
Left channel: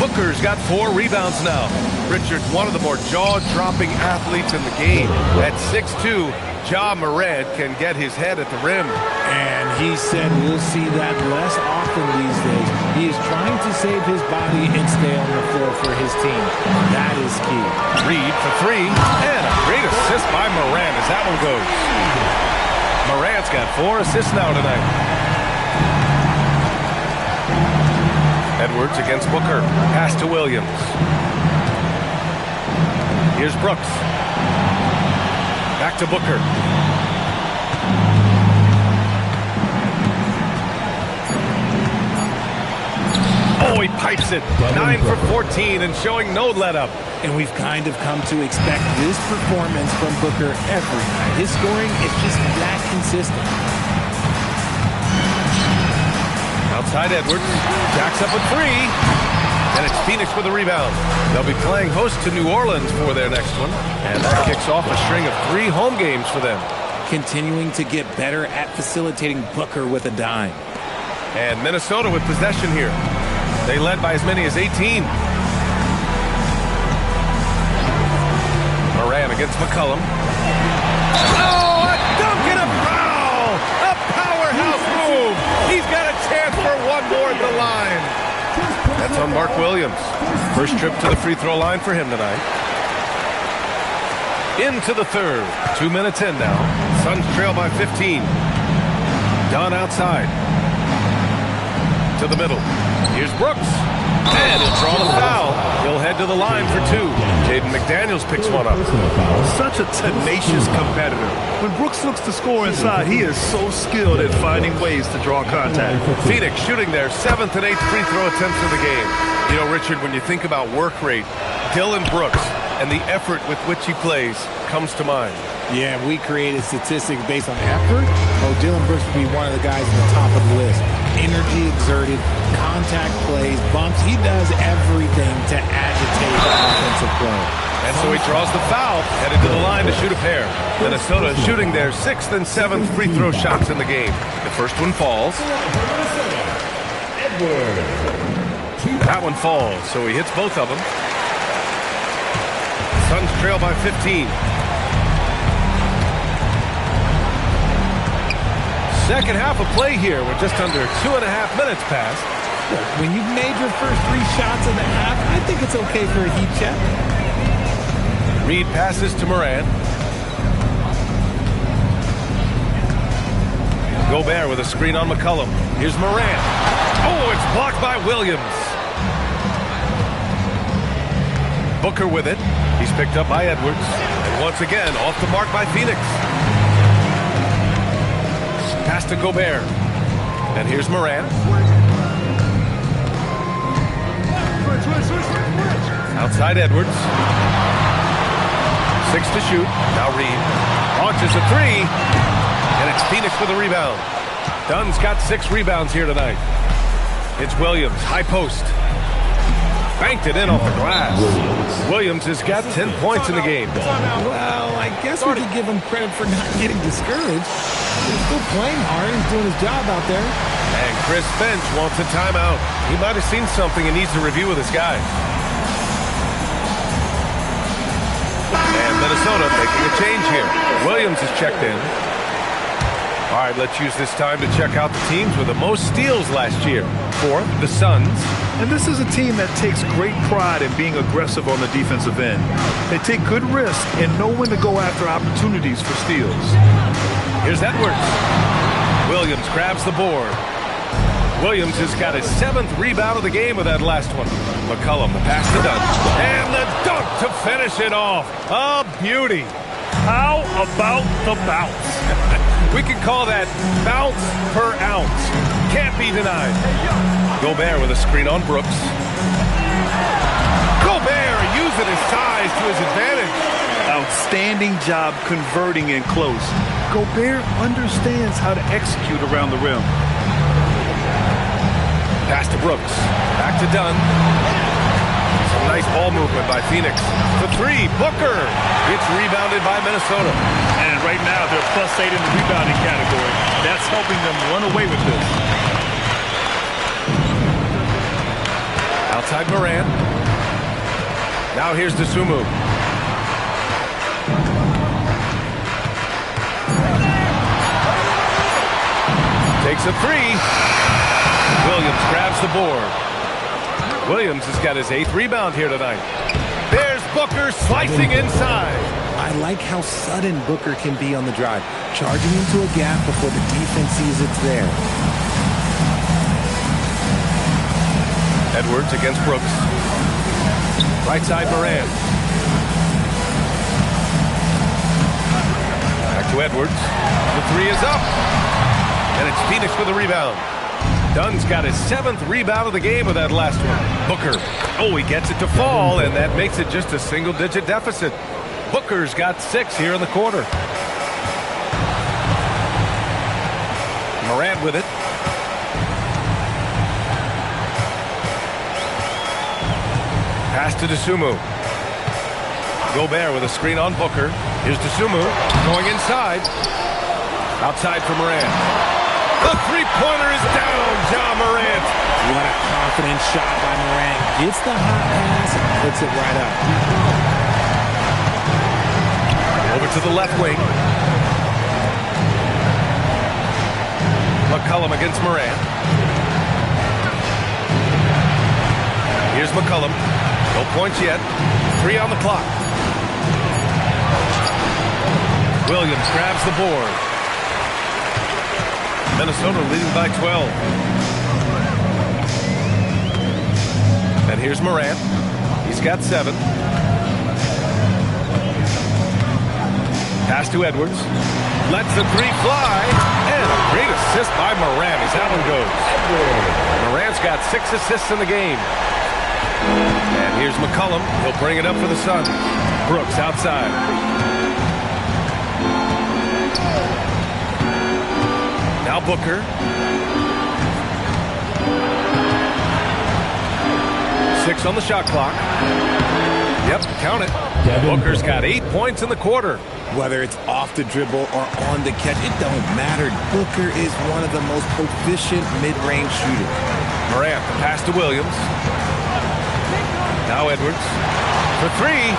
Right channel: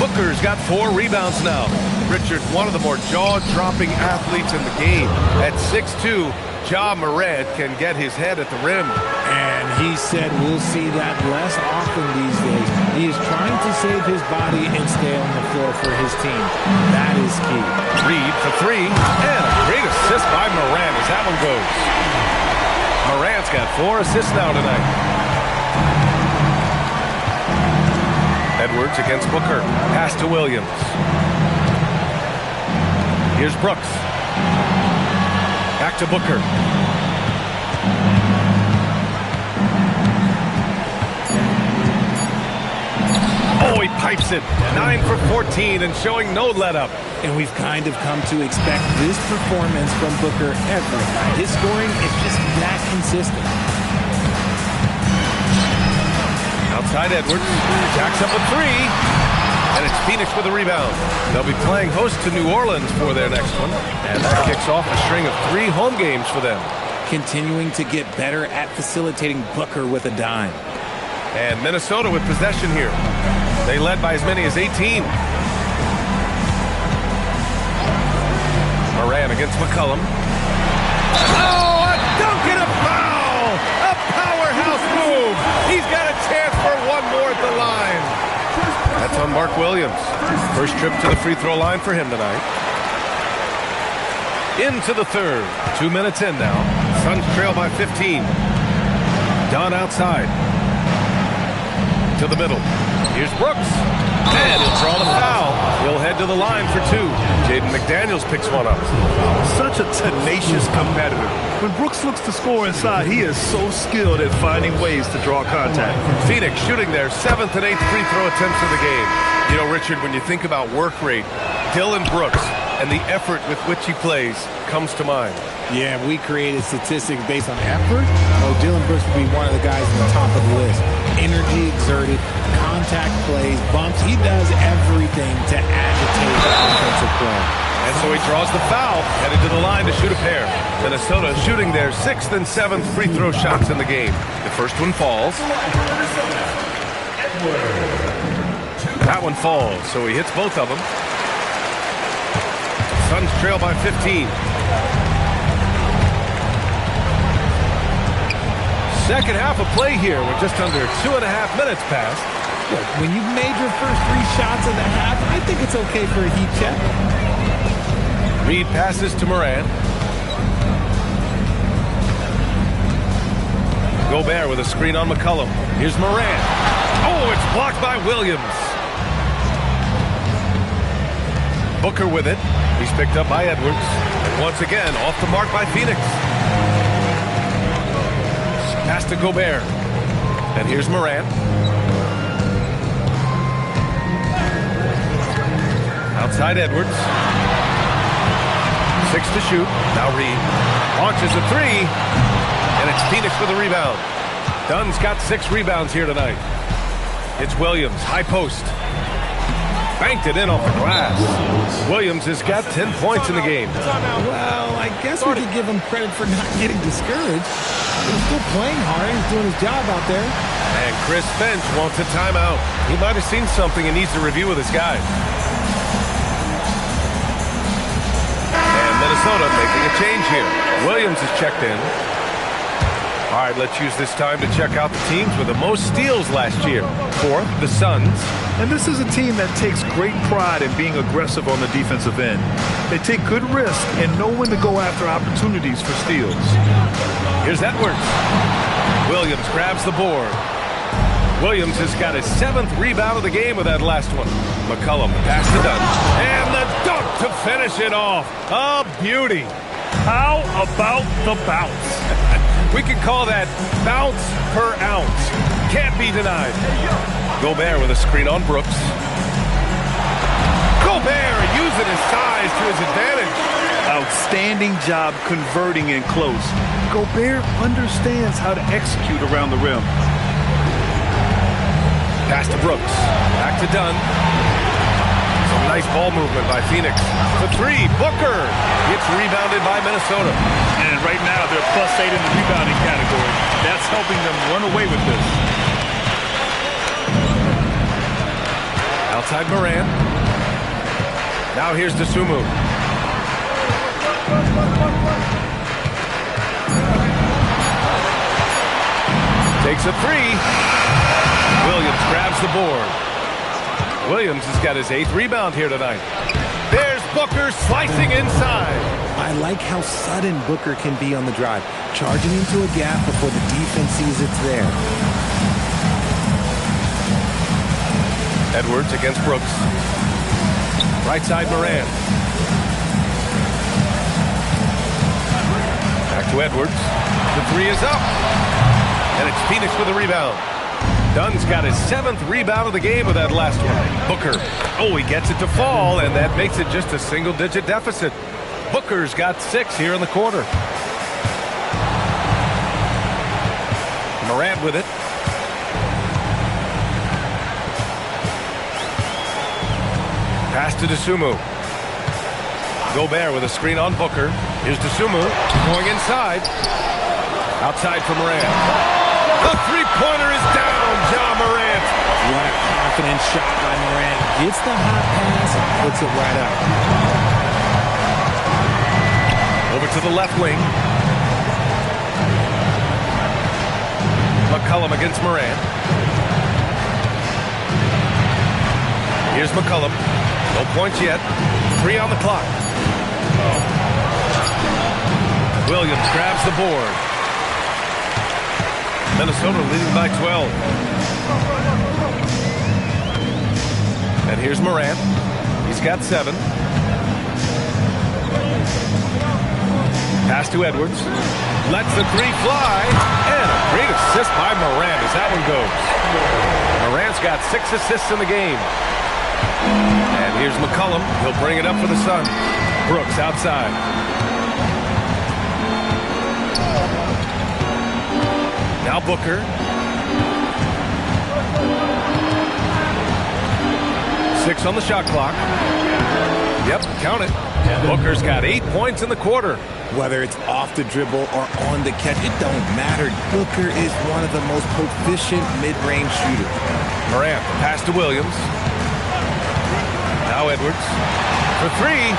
Booker's got 4 rebounds now. Richard, one of the more jaw-dropping athletes in the game. At 6'2", Ja Morant can get his head at the rim. And he said we'll see that less often these days. He is trying to save his body and stay on the floor for his team. That is key. Reid for 3, and a great assist by Morant as that one goes. Morant's got 4 assists now tonight. Edwards against Booker. Pass to Williams. Here's Brooks. Back to Booker. Oh, he pipes it. 9 for 14 and showing no let-up. And we've kind of come to expect this performance from Booker every night. His scoring is just that consistent. Outside Edwards. Jacks up a 3. And it's Phoenix with a rebound. They'll be playing host to New Orleans for their next one. And that kicks off a string of 3 home games for them. Continuing to get better at facilitating Booker with a dime. And Minnesota with possession here. They led by as many as 18. Morant against McCollum. Oh, a dunk and a foul! A powerhouse move! He's got a chance for one more at the line. That's on Mark Williams. First trip to the free throw line for him tonight. Into the third. 2 minutes in now. Suns trail by 15. Dunn outside. To the middle. Here's Brooks. And he'll draw the foul. He'll head to the line for 2. Jaden McDaniels picks one up. Such a tenacious competitor. When Brooks looks to score inside, he is so skilled at finding ways to draw contact. Phoenix shooting their 7th and 8th free throw attempts of the game. You know, Richard, when you think about work rate, Dillon Brooks and the effort with which he plays comes to mind. Yeah, we created statistics based on effort. Oh, Dillon Brooks would be one of the guys at the top of the list. Energy exerted, contact plays, bumps. He does everything to agitate the offensive play. And so he draws the foul, headed to the line to shoot a pair. Minnesota shooting their 6th and 7th free throw shots in the game. The first one falls. That one falls, so he hits both of them. Suns trail by 15. Second half of play here. We're just under 2.5 minutes past. Look, when you've made your first 3 shots of the half, I think it's okay for a heat check. Reid passes to Morant. Gobert with a screen on McCollum. Here's Morant. Oh, it's blocked by Williams. Booker with it. He's picked up by Edwards. And once again, off the mark by Phoenix. Pass to Gobert. And here's Morant. Outside Edwards. 6 to shoot. Now Reid. Launches a 3. And it's Phoenix with a rebound. Dunn's got 6 rebounds here tonight. It's Williams. High post. Banked it in off the glass. Williams has got 10 points in the game. Well, I guess we could give him credit for not getting discouraged. He's still playing hard. He's doing his job out there. And Chris Finch wants a timeout. He might have seen something and needs to review with his guys. And Minnesota making a change here. Williams is checked in. All right, let's use this time to check out the teams with the most steals last year. 4th, the Suns. And this is a team that takes great pride in being aggressive on the defensive end. They take good risks and know when to go after opportunities for steals. Here's Edwards. Williams grabs the board. Williams has got his 7th rebound of the game with that last one. McCollum, the pass to Dunn. And the dunk to finish it off. A beauty. How about the bounce? We can call that bounce per ounce. Can't be denied. Gobert with a screen on Brooks. Gobert using his size to his advantage. Outstanding job converting in close. Gobert understands how to execute around the rim. Pass to Brooks. Back to Dunn. Some nice ball movement by Phoenix. For three, Booker. It's rebounded by Minnesota. And right now they're +8 in the rebounding category. That's helping them run away with this. Outside Morant. Now here's Dosunmu. Takes a three. Williams grabs the board. Williams has got his 8th rebound here tonight. There's Booker slicing inside. I like how sudden Booker can be on the drive, charging into a gap before the defense sees it's there. Edwards against Brooks. Right side Morant. Back to Edwards. The three is up. And it's Phoenix with a rebound. Dunn's got his 7th rebound of the game with that last one. Booker. Oh, he gets it to fall, and that makes it just a single-digit deficit. Booker's got 6 here in the quarter. Morant with it. Pass to Dosunmu. Gobert with a screen on Booker. Here's Dosunmu going inside. Outside for Morant. The three-pointer is down, Ja Morant. What a confident shot by Morant. Gets the hot pass and puts it right up. Over to the left wing. McCollum against Morant. Here's McCollum. No points yet. 3 on the clock. Williams grabs the board. Minnesota leading by 12. And here's Morant. He's got 7. Pass to Edwards. Lets the three fly. And a great assist by Morant as that one goes. Morant's got 6 assists in the game. And here's McCollum. He'll bring it up for the Suns. Brooks outside. Now Booker. 6 on the shot clock. Yep, count it. Booker's got 8 points in the quarter. Whether it's off the dribble or on the catch, it don't matter. Booker is one of the most proficient mid-range shooters. Morant, the pass to Williams. Now Edwards. For 3.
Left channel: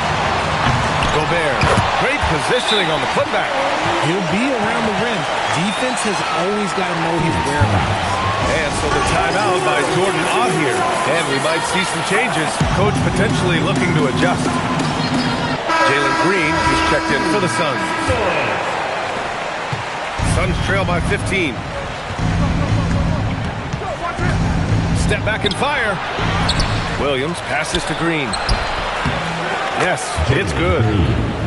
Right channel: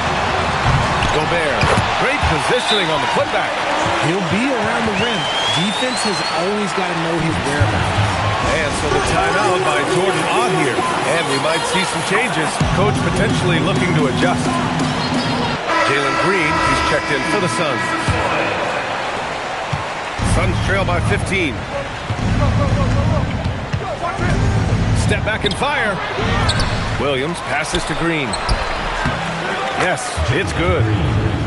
Gobert. Great positioning on the putback. He'll be around the rim. Defense has always got to know his whereabouts. And so the timeout by Jordan Ott here. And we might see some changes. Coach potentially looking to adjust. Jalen Green, he's checked in for the Suns. Suns trail by 15. Step back and fire. Williams passes to Green. Yes, it's good.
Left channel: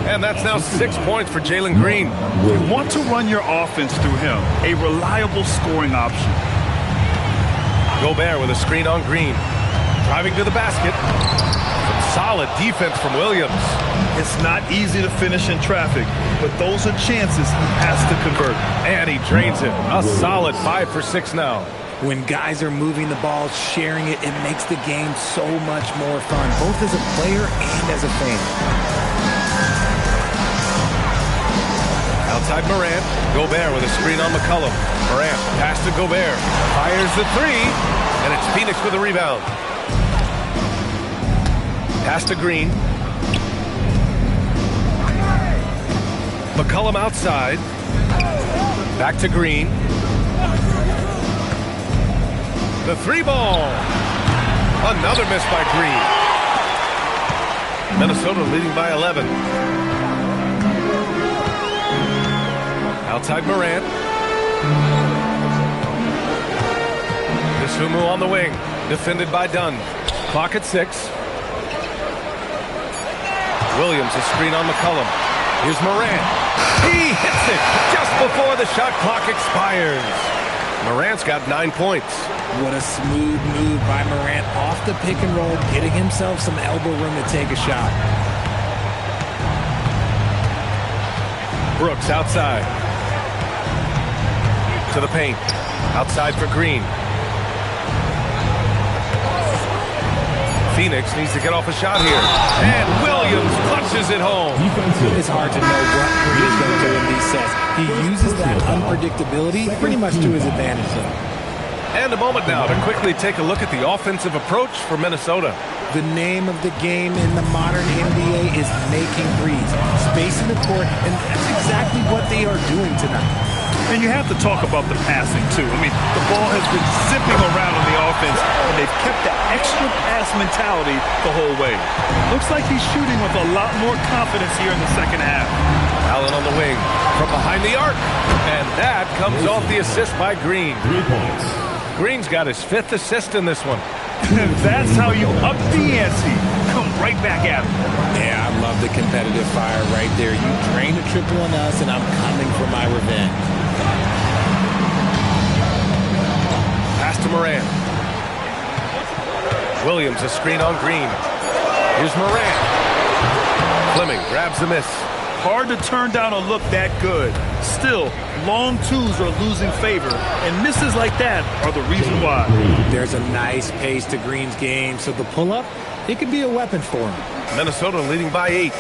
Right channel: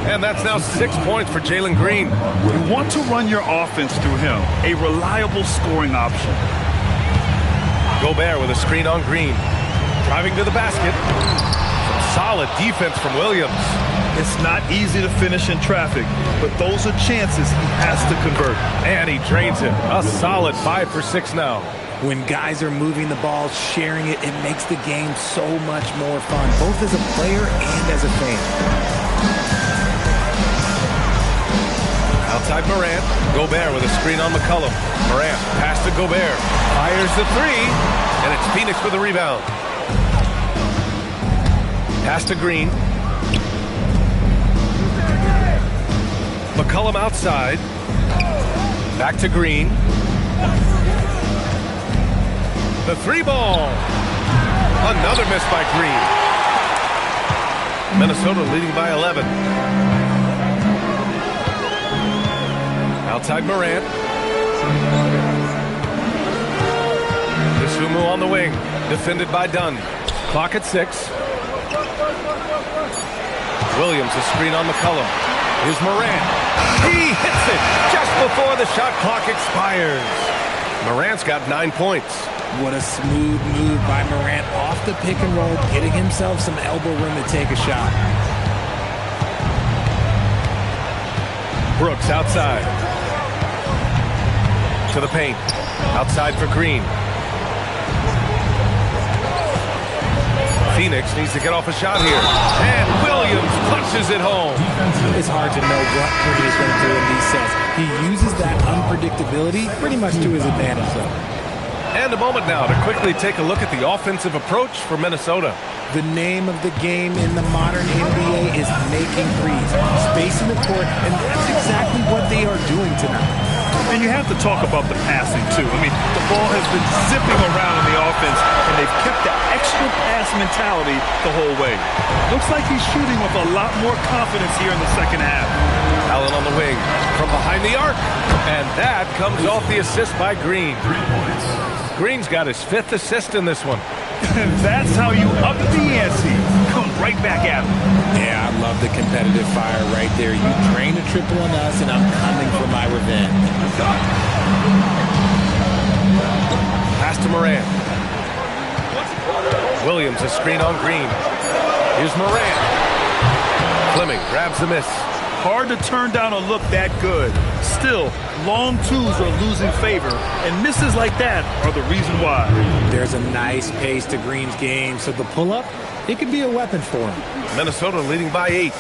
And that's now 6 points for Jalen Green. You want to run your offense through him. A reliable scoring option. Gobert with a screen on Green. Driving to the basket. Some solid defense from Williams. It's not easy to finish in traffic, but those are chances he has to convert. And he drains it. A solid 5 for 6 now. When guys are moving the ball, sharing it, it makes the game so much more fun, both as a player and as a fan. Outside Morant. Gobert with a screen on McCollum. Morant, pass to Gobert. Fires the 3, and it's Phoenix with a rebound. Pass to Green. McCollum outside. Back to Green. The 3 ball. Another miss by Green. Minnesota leading by 11. Outside Morant. Dosunmu on the wing. Defended by Dunn. Clock at 6. Williams a screen on McCollum. Here's Morant. He hits it just before the shot clock expires. Morant's got 9 points. What a smooth move by Morant off the pick and roll, getting himself some elbow room to take a shot. Brooks outside. To the paint. Outside for Green. Phoenix needs to get off a shot here. And Williams punches it home. It's hard to know what Green is going to do in these sets. He uses that unpredictability pretty much to his advantage, though. And a moment now to quickly take a look at the offensive approach for Minnesota. The name of the game in the modern NBA is making threes, spacing the court, and that's exactly what they are doing tonight. And you have to talk about the passing, too. I mean, the ball has been zipping around in the offense, and they've kept the extra pass mentality the whole way. Looks like he's shooting with a lot more confidence here in the second half. Allen on the wing from behind the arc. And that comes off the assist by Green. 3 points. Green's got his 5th assist in this one. And that's how you up the ante. Come right back at him. Yeah, I love the competitive fire right there. You drain a triple on us, and I'm coming for my revenge. Pass to Morant. Williams a screen on Green. Here's Morant. Fleming grabs the miss. Hard to turn down a look that good. Still, long twos are losing favor, and misses like that are the reason why. There's a nice pace to Green's game, so the pull-up, it could be a weapon for him. Minnesota leading by 8.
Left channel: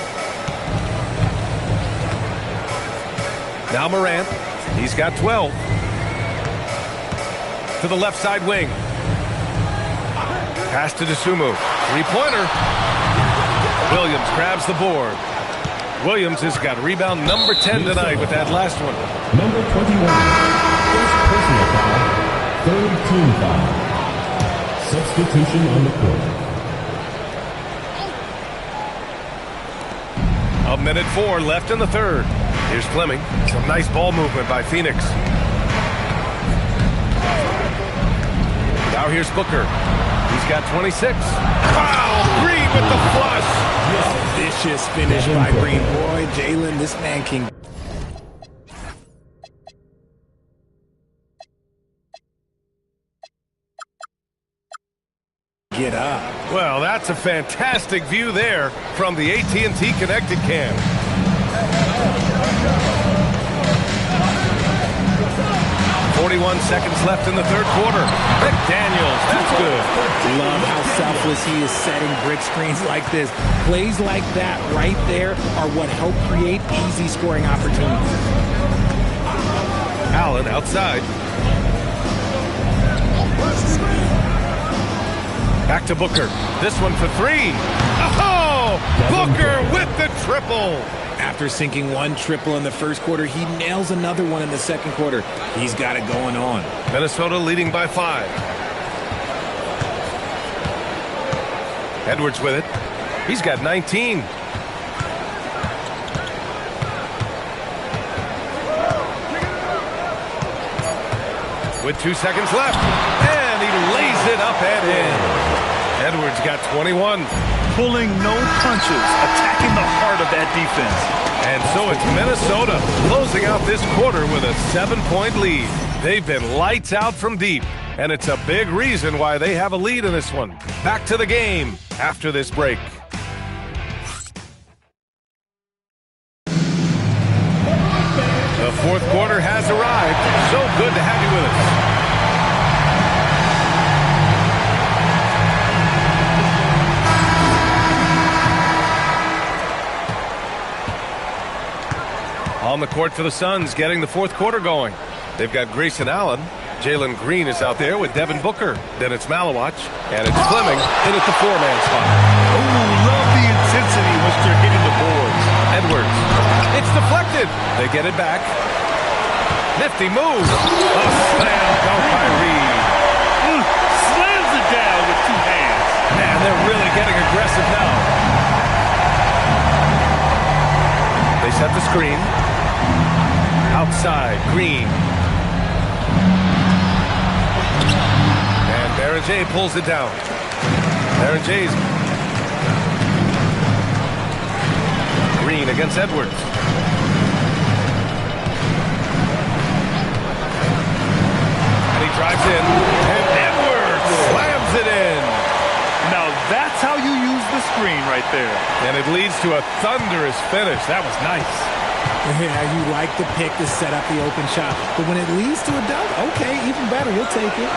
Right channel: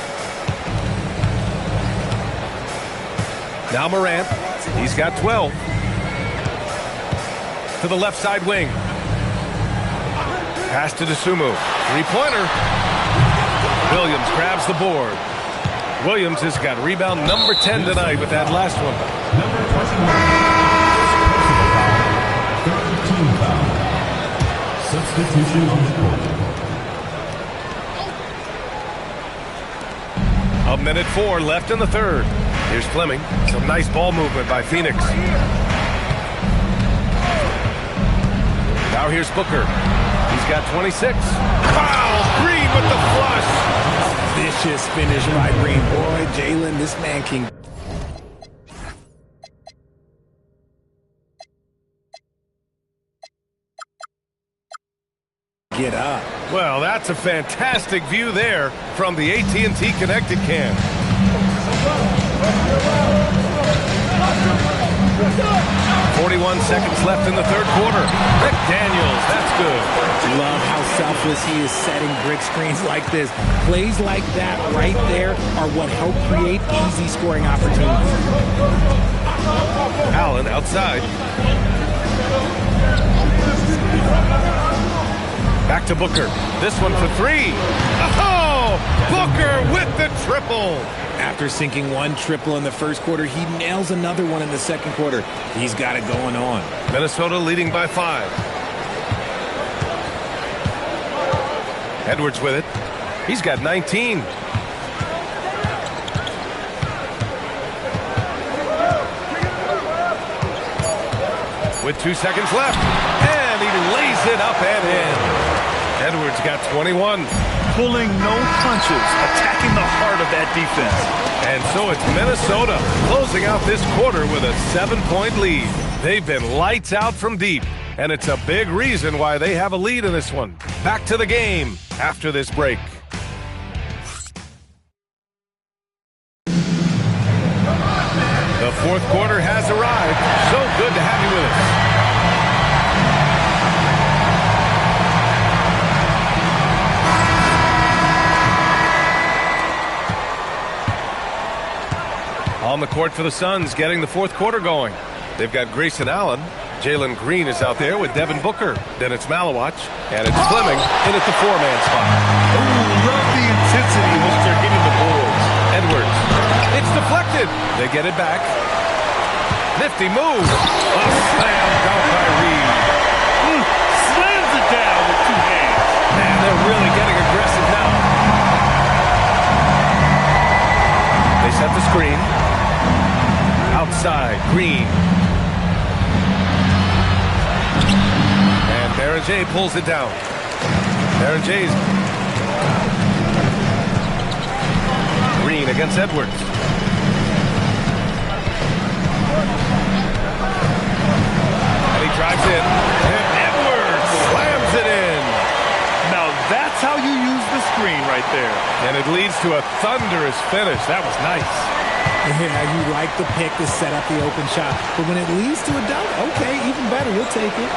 Now Morant. He's got 12. To the left side wing. Pass to Dosunmu. Three-pointer. Williams grabs the board. Williams has got rebound number 10 tonight with that last one. Number 21. First personal foul. Third team foul. Substitution on the court. A minute 4 left in the third. Here's Fleming. Some nice ball movement by Phoenix. Now here's Booker. He's got 26. Wow! Green with the flush. A vicious finish by Green. Boy, Jalen, this man can... get up. Well, that's a fantastic view there from the AT&T Connected Cam. .41 seconds left in the third quarter. McDaniels, that's good. Love how selfless he is setting brick screens like this. Plays like that right there are what help create easy scoring opportunities. Allen outside. Back to Booker. This one for 3. Oh! Booker with the triple. After sinking one triple in the first quarter, he nails another one in the second quarter. He's got it going on. Minnesota leading by 5. Edwards with it. He's got 19. With 2 seconds left. And he lays it up and in. Edwards got 21. Pulling no punches, attacking the heart of that defense. And so it's Minnesota closing out this quarter with a 7-point lead. They've been lights out from deep, and it's a big reason why they have a lead in this one. Back to the game after this break. The fourth quarter has arrived. So good to have you with us. On the court for the Suns, getting the fourth quarter going. They've got Grayson Allen. Jalen Green is out there with Devin Booker. Then it's Malawach. And it's Fleming in at the 4-man spot. Oh, love the intensity in which they're hitting the boards. Edwards. It's deflected. They get it back. Nifty move. A slam dunk by Reed. Slams it down with 2 hands. Man, they're really getting aggressive now. They set the screen. Outside, Green. And Baron J pulls it down. Baron J's. Green against Edwards. drives in, and Edwards slams it in. Now that's how you use the screen right there. And it leads to a thunderous finish. That was nice. Yeah, you like the pick to set up the open shot. But when it leads to a dunk, okay, even better. You'll take it.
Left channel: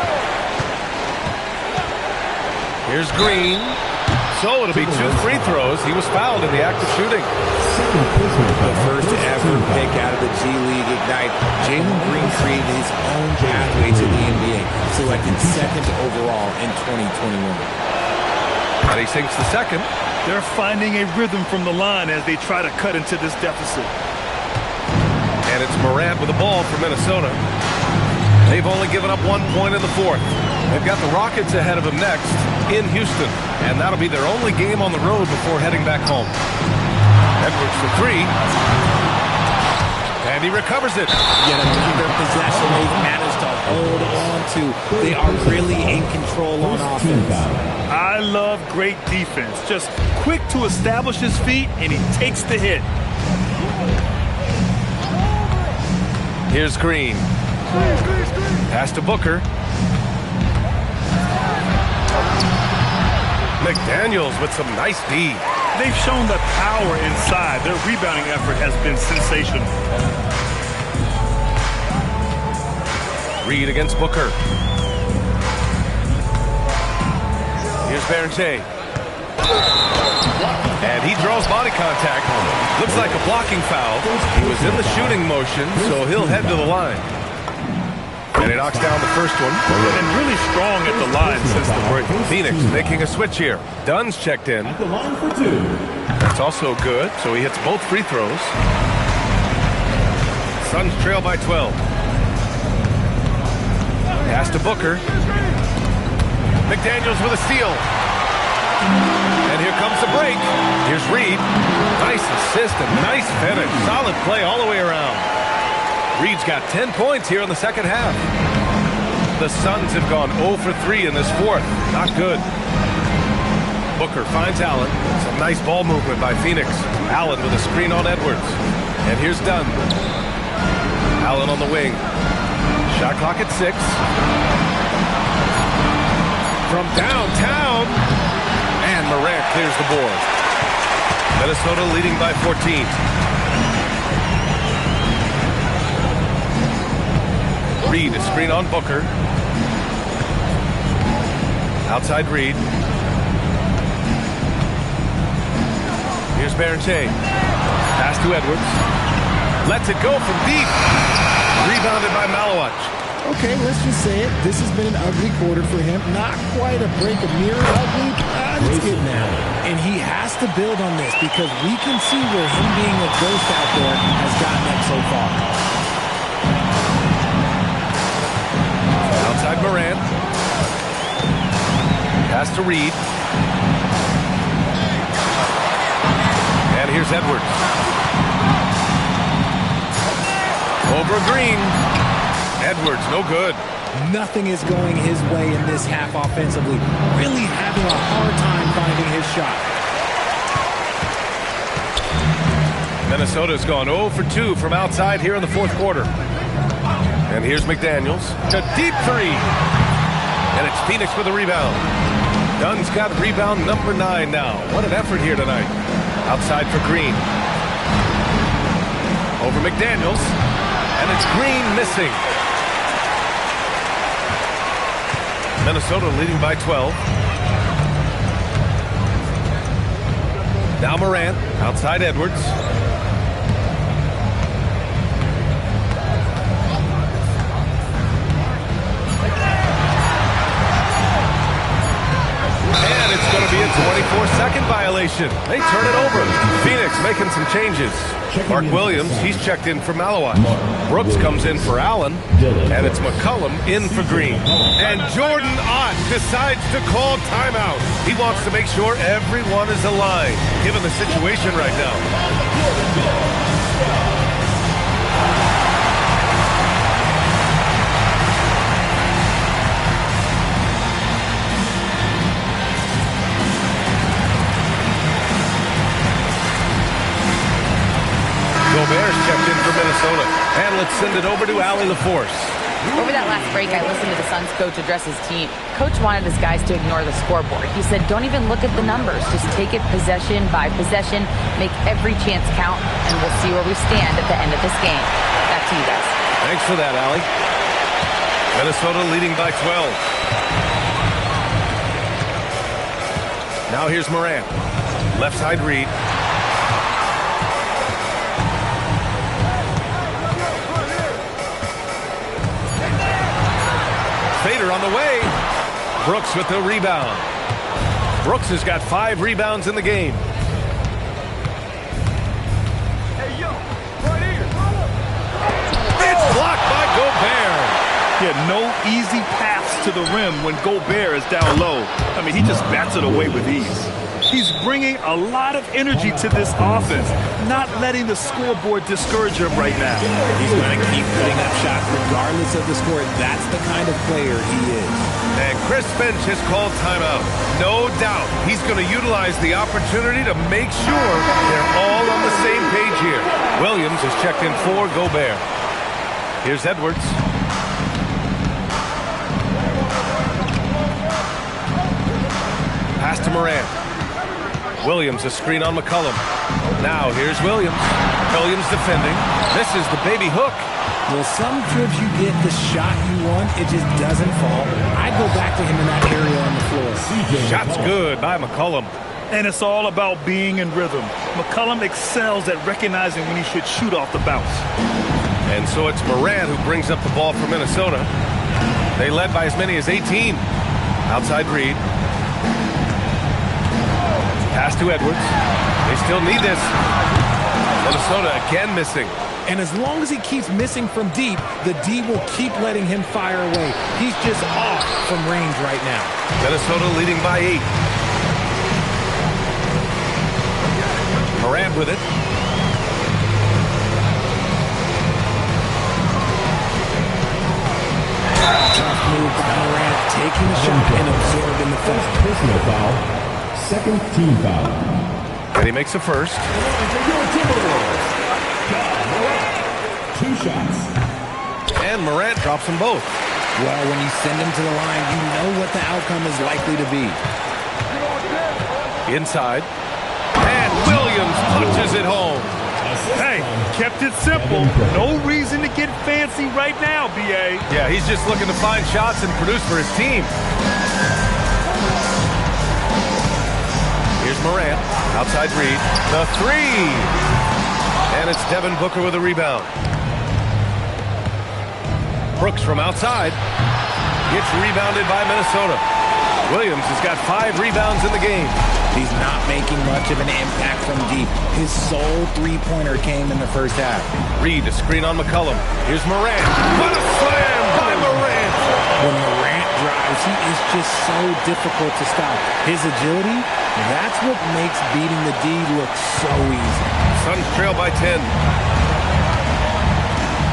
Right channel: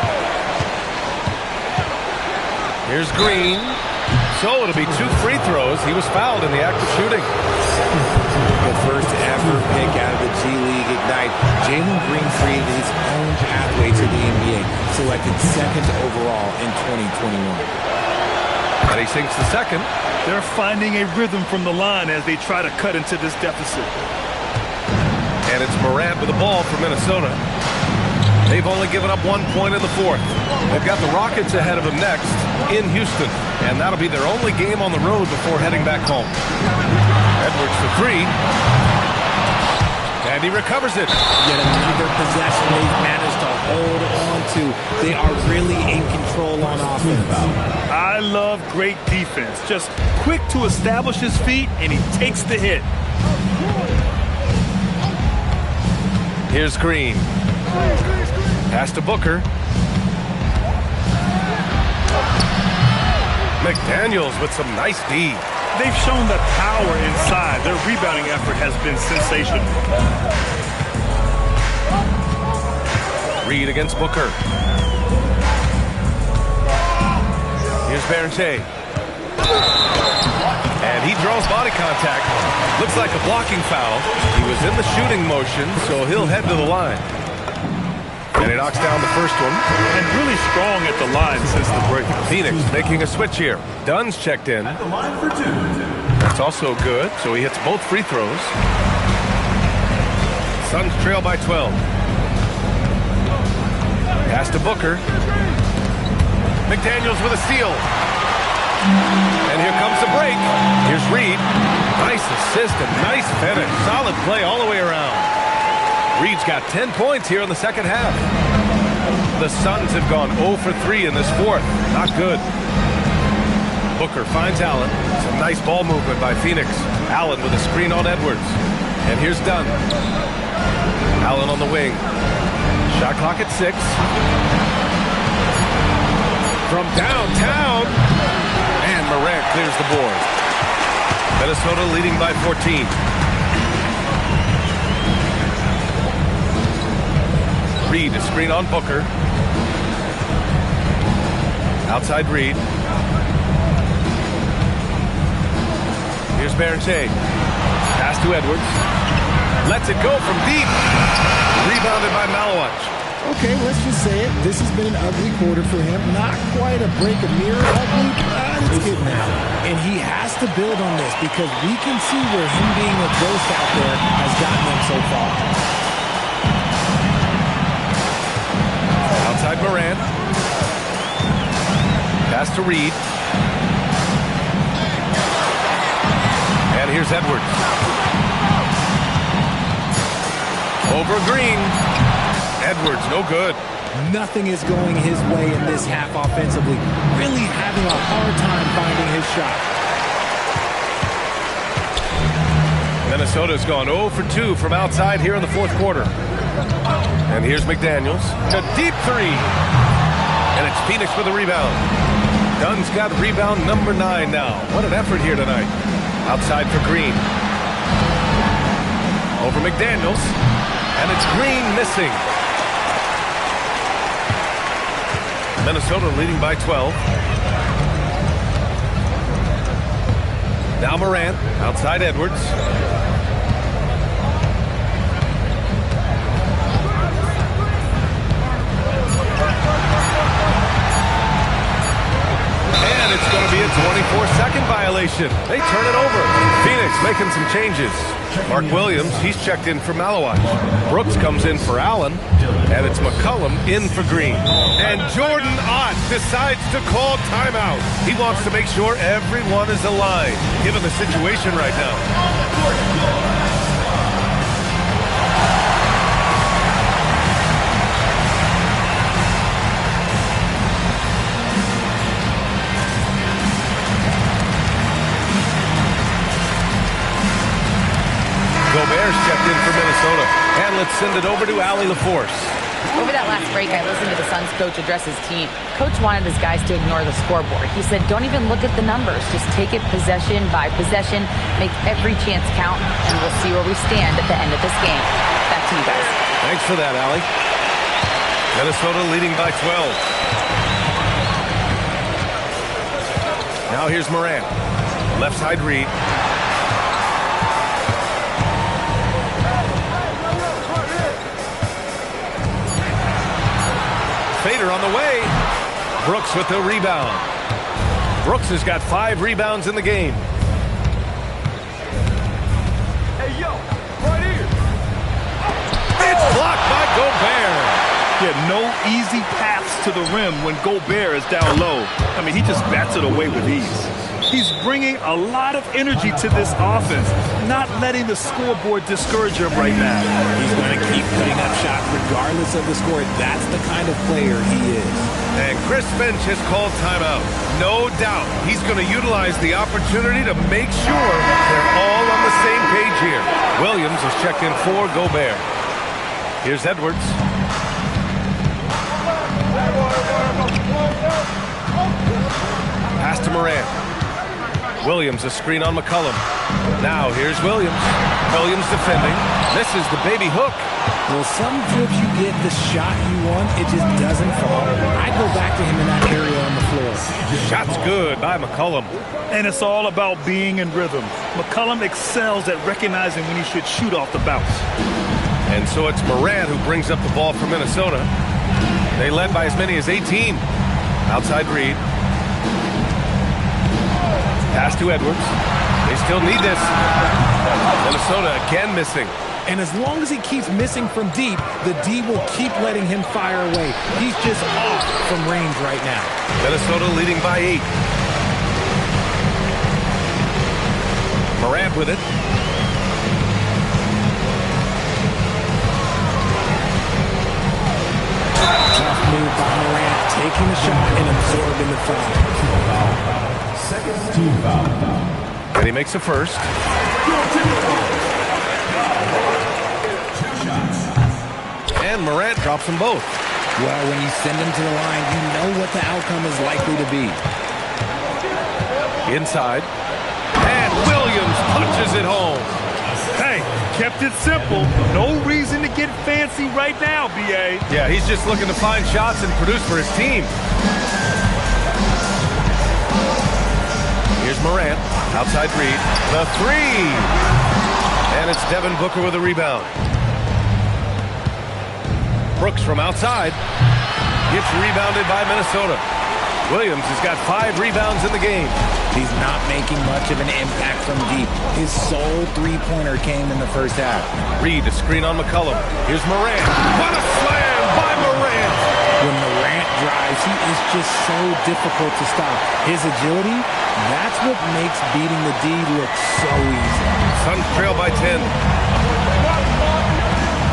Here's Green. So it'll be 2 free throws. He was fouled in the act of shooting. The first ever pick out of the G League Ignite. Jalen Green created his own pathway to the NBA. Selected second overall in 2021. And he sinks the second. They're finding a rhythm from the line as they try to cut into this deficit. And it's Morant with the ball for Minnesota. They've only given up 1 point in the fourth. They've got the Rockets ahead of them next in Houston. And that'll be their only game on the road before heading back home. Edwards for 3. And he recovers it. Yet another possession they've managed to hold on to. They are really in control on offense. I love great defense. Just quick to establish his feet, and he takes the hit. Here's Green. Pass to Booker. McDaniels with some nice D. They've shown the power inside. Their rebounding effort has been sensational. Reed against Booker. Here's Berger. And he draws body contact. Looks like a blocking foul. He was in the shooting motion, so he'll head to the line. And he knocks down the first one. And really strong at the line since the break. Phoenix making a switch here. Dunn's checked in. At the line for 2. That's also good, so he hits both free throws. Suns trail by 12. Pass to Booker. McDaniels with a steal. And here comes the break. Here's Reed. Nice assist and nice finish. Solid play all the way around. Reed's got 10 points here in the second half. The Suns have gone 0 for 3 in this fourth. Not good. Booker finds Allen. Some nice ball movement by Phoenix. Allen with a screen on Edwards. And here's Dunn. Allen on the wing. Shot clock at 6. From downtown. And Morant clears the board. Minnesota leading by 14. Reed, a screen on Booker. Outside Reed. Here's Berger. Pass to Edwards. Lets it go from deep. Rebounded by Malawach. Okay, let's just say it. This has been an ugly quarter for him. Not quite a break of mirror ugly, but it's getting out. And he has to build on this because we can see where him being a ghost out there has gotten them so far. Outside Morant. Pass to Reed. And here's Edwards. Over Green. Edwards, no good. Nothing is going his way in this half offensively. Really having a hard time finding his shot. Minnesota's gone 0 for 2 from outside here in the fourth quarter. And here's McDaniels. A deep 3. And it's Phoenix with a rebound. Dunn's got rebound number 9 now. What an effort here tonight. Outside for Green. Over McDaniels. And it's Green missing. Minnesota leading by 12. Now Morant. Outside Edwards. And it's going to be a 24-second violation. They turn it over. Phoenix making some changes. Mark Williams, he's checked in for Malawach. Brooks comes in for Allen. And it's McCollum in for Green. And Jordan Ott decides to call timeout. He wants to make sure everyone is aligned, given the situation right now. Gobert's checked in for Minnesota. And let's send it over to Allie LaForce. Over that last break, I listened to the Suns coach address his team. Coach wanted his guys to ignore the scoreboard. He said, don't even look at the numbers. Just take it possession by possession, make every chance count, and we'll see where we stand at the end of this game. Back to you guys. Thanks for that, Allie. Minnesota leading by 12. Now here's Morant. Left side read. Fader on the way. Brooks with the rebound. Brooks has got 5 rebounds in the game. Hey, yo, right here. It's blocked by Gobert. Yeah, no easy paths to the rim when Gobert is down low. I mean, he just bats it away with ease. He's bringing a lot of energy to this offense, not letting the scoreboard discourage him right now. He's going to keep putting up shots regardless of the score. That's the kind of player he is. And Chris Finch has called timeout. No doubt he's going to utilize the opportunity to make sure they're all on the same page here. Williams has checked in for Gobert. Here's Edwards. Pass to Morant. Williams, a screen on McCollum. Now here's Williams. Williams defending. Misses the baby hook. Well, some trips you get the shot you want, it just doesn't fall. I'd go back to him in that area on the floor. Shot's good by McCollum. And it's all about being in rhythm. McCollum excels at recognizing when he should shoot off the bounce. And so it's Morant who brings up the ball for Minnesota. They led by as many as 18. Outside read. Pass to Edwards. They still need this. Minnesota again missing. And as long as he keeps missing from deep, the D will keep letting him fire away. He's just off from range right now. Minnesota leading by 8. Morant with it. Tough move by Morant, taking the shot and absorbing the foul. Personal foul. Second team foul. And he makes a first. 2 shots. And Morant drops them both. Well, when you send him to the line, you know what the outcome is likely to be. Inside. And Williams punches it home. Hey, kept it simple. No reason to get fancy right now, B.A. Yeah, he's just looking to find shots and produce for his team. Here's Morant. Outside read. The 3. And it's Devin Booker with a rebound. Brooks from outside. Gets rebounded by Minnesota. Williams has got 5 rebounds in the game. He's not making much of an impact from deep. His sole three-pointer came in the first half. Reed, a screen on McCollum. Here's Morant. What a slam by Morant! When Morant drives, he is just so difficult to stop. His agility, that's what makes beating the D look so easy. Suns trail by 10.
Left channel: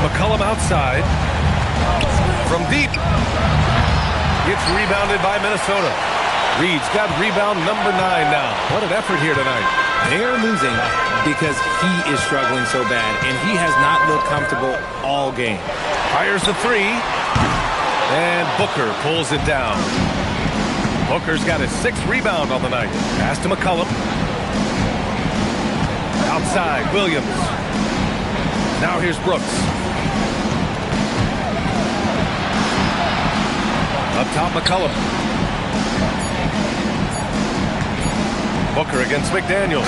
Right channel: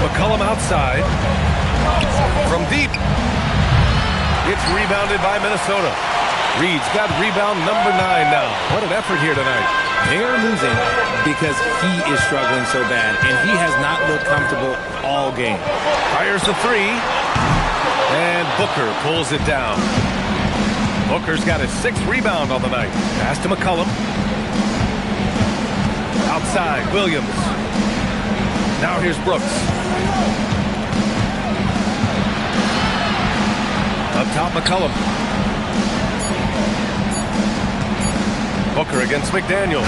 McCollum outside. From deep. It's rebounded by Minnesota. Reed's got rebound number 9 now. What an effort here tonight. They are losing because he is struggling so bad, and he has not looked comfortable all game. Fires the 3. And Booker pulls it down. Booker's got his 6th rebound on the night. Pass to McCollum. Outside, Williams. Now here's Brooks. Up top, McCollum. Booker against McDaniel.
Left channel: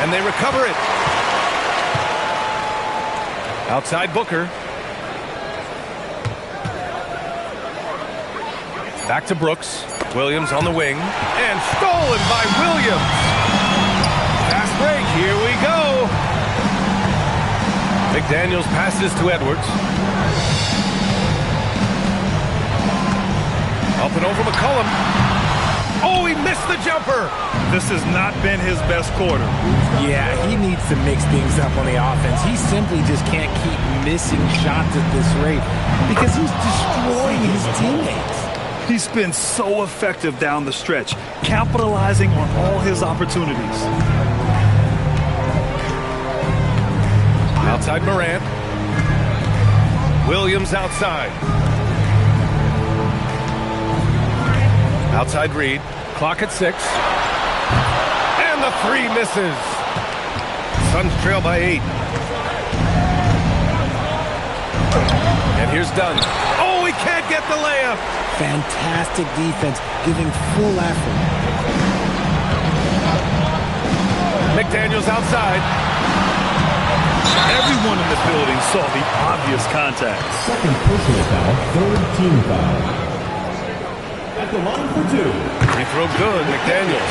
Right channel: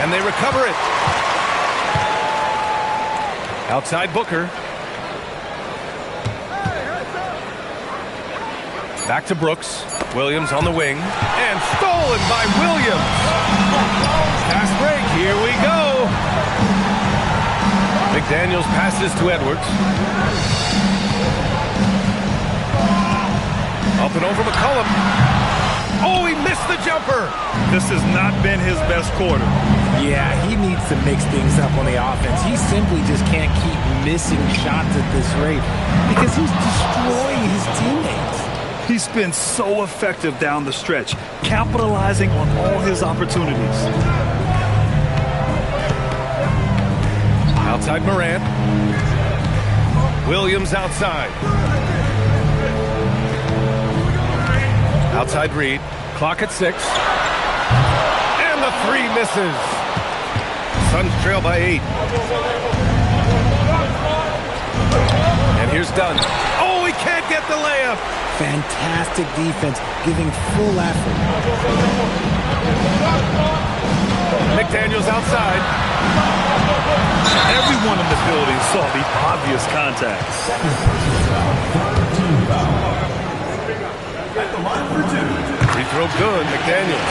And they recover it. Outside Booker. Back to Brooks. Williams on the wing. And stolen by Williams. Fast break. Here we go. McDaniels passes to Edwards. Up and over McCollum. Oh, he missed the jumper. This has not been his best quarter. Yeah, he needs to mix things up on the offense. He simply just can't keep missing shots at this rate because he's destroying his teammates. He's been so effective down the stretch, capitalizing on all his opportunities. Outside Morant. Williams outside. Outside Reed. Clock at 6. And the 3 misses. Suns trail by 8. And here's Dunn. Oh, he can't get the layup. Fantastic defense, giving full effort. McDaniels outside. Everyone in the building saw the obvious contact. Second personal foul, third team foul. At the line for 2. Free throw good, McDaniels.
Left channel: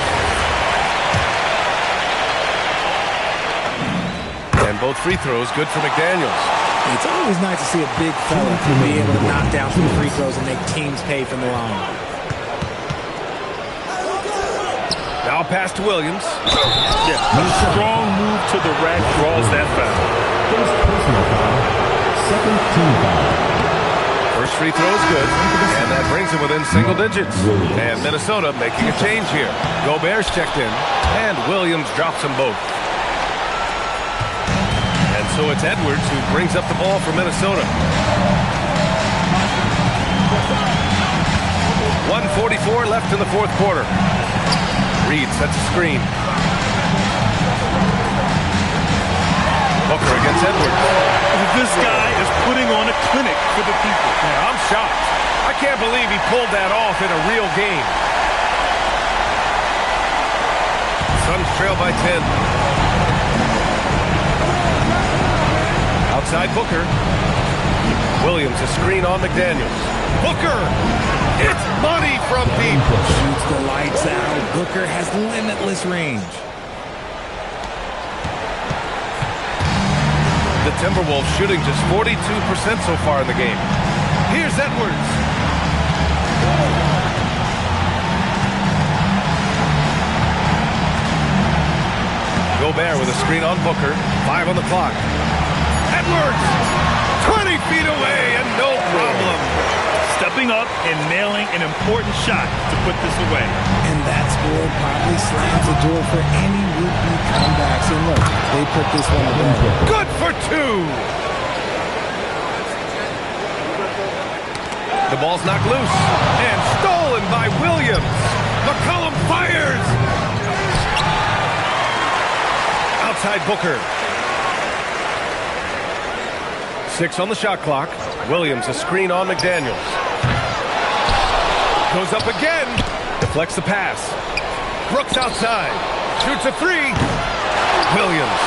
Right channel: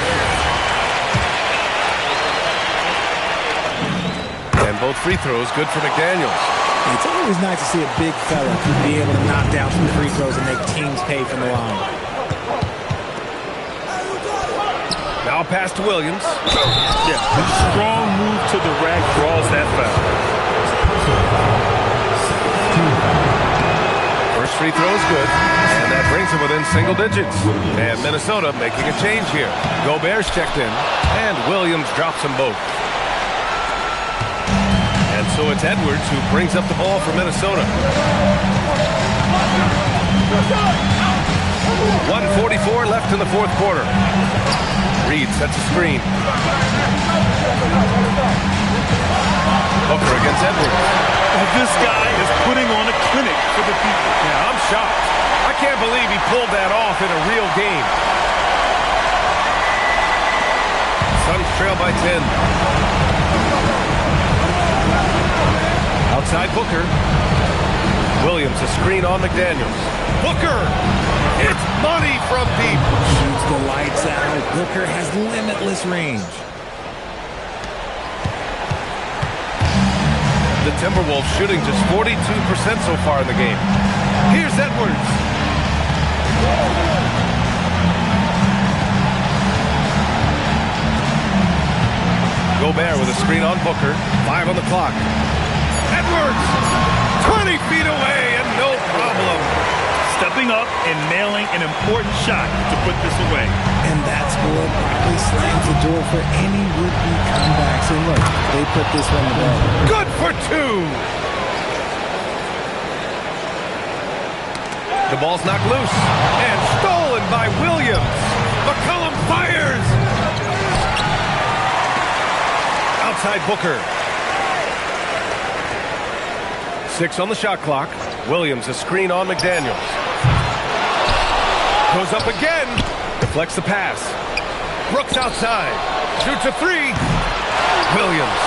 And both free throws good for McDaniels. It's always nice to see a big fella be able to knock down some free throws and make teams pay from the line. Now a pass to Williams. Yeah, a strong move to the rack draws that foul. First personal foul, second team foul. First free throw is good, and that brings him within single digits. And Minnesota making a change here. Gobert's checked in, and Williams drops them both. And so it's Edwards who brings up the ball for Minnesota. 1:44 left in the fourth quarter. Reed sets a screen. Booker against Edwards. This guy is putting on a clinic for the people. Yeah, I'm shocked. I can't believe he pulled that off in a real game. Suns trail by 10. Outside Booker. Williams a screen on McDaniels. Booker! It's money from deep. Shoots the lights out. Booker has limitless range. The Timberwolves shooting just 42% so far in the game. Here's Edwards. Gobert with a screen on Booker. 5 on the clock. Edwards! 20 feet away and no problem. Stepping up and nailing an important shot to put this away. And that score probably slams the door for any would-be comebacks. And look, they put this one to bed. Good for 2. The ball's knocked loose and stolen by Williams. McCollum fires. Outside Booker. 6 on the shot clock. Williams a screen on McDaniels. Goes up again. Deflects the pass. Brooks outside. Shoots a 3. Williams.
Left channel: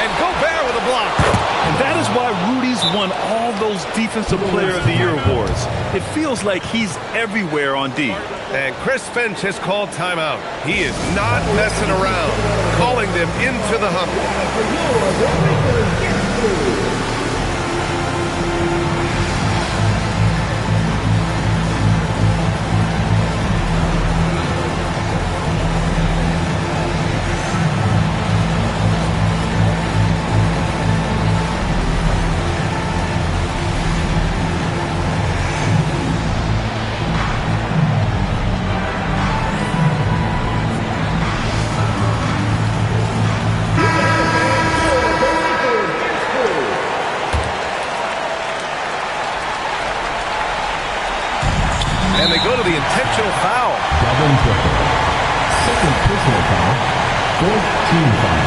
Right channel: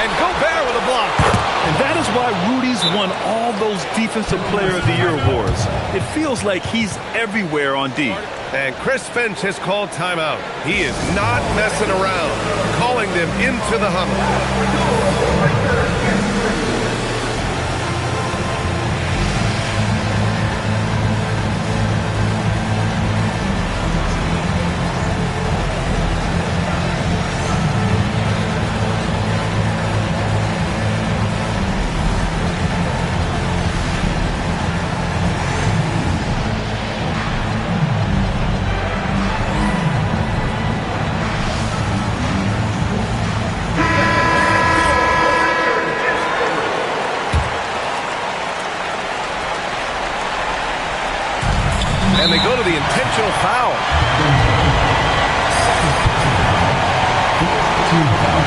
And Gobert with a block. And that is why Rudy's won all those Defensive Player of the Year awards. It feels like he's everywhere on D. And Chris Finch has called timeout. He is not messing around. Calling them into the huddle. And they go to the intentional foul. Devin Booker. Second personal foul, fourth team foul.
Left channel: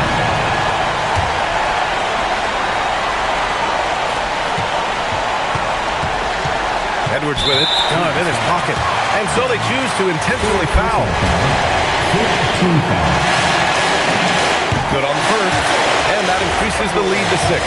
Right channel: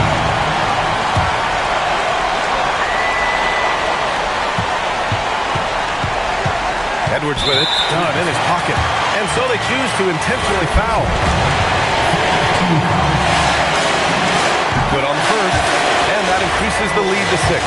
Edwards with it. Dunn in his pocket. And so they choose to intentionally foul. Team foul. Good on the first. And that increases the lead to 6.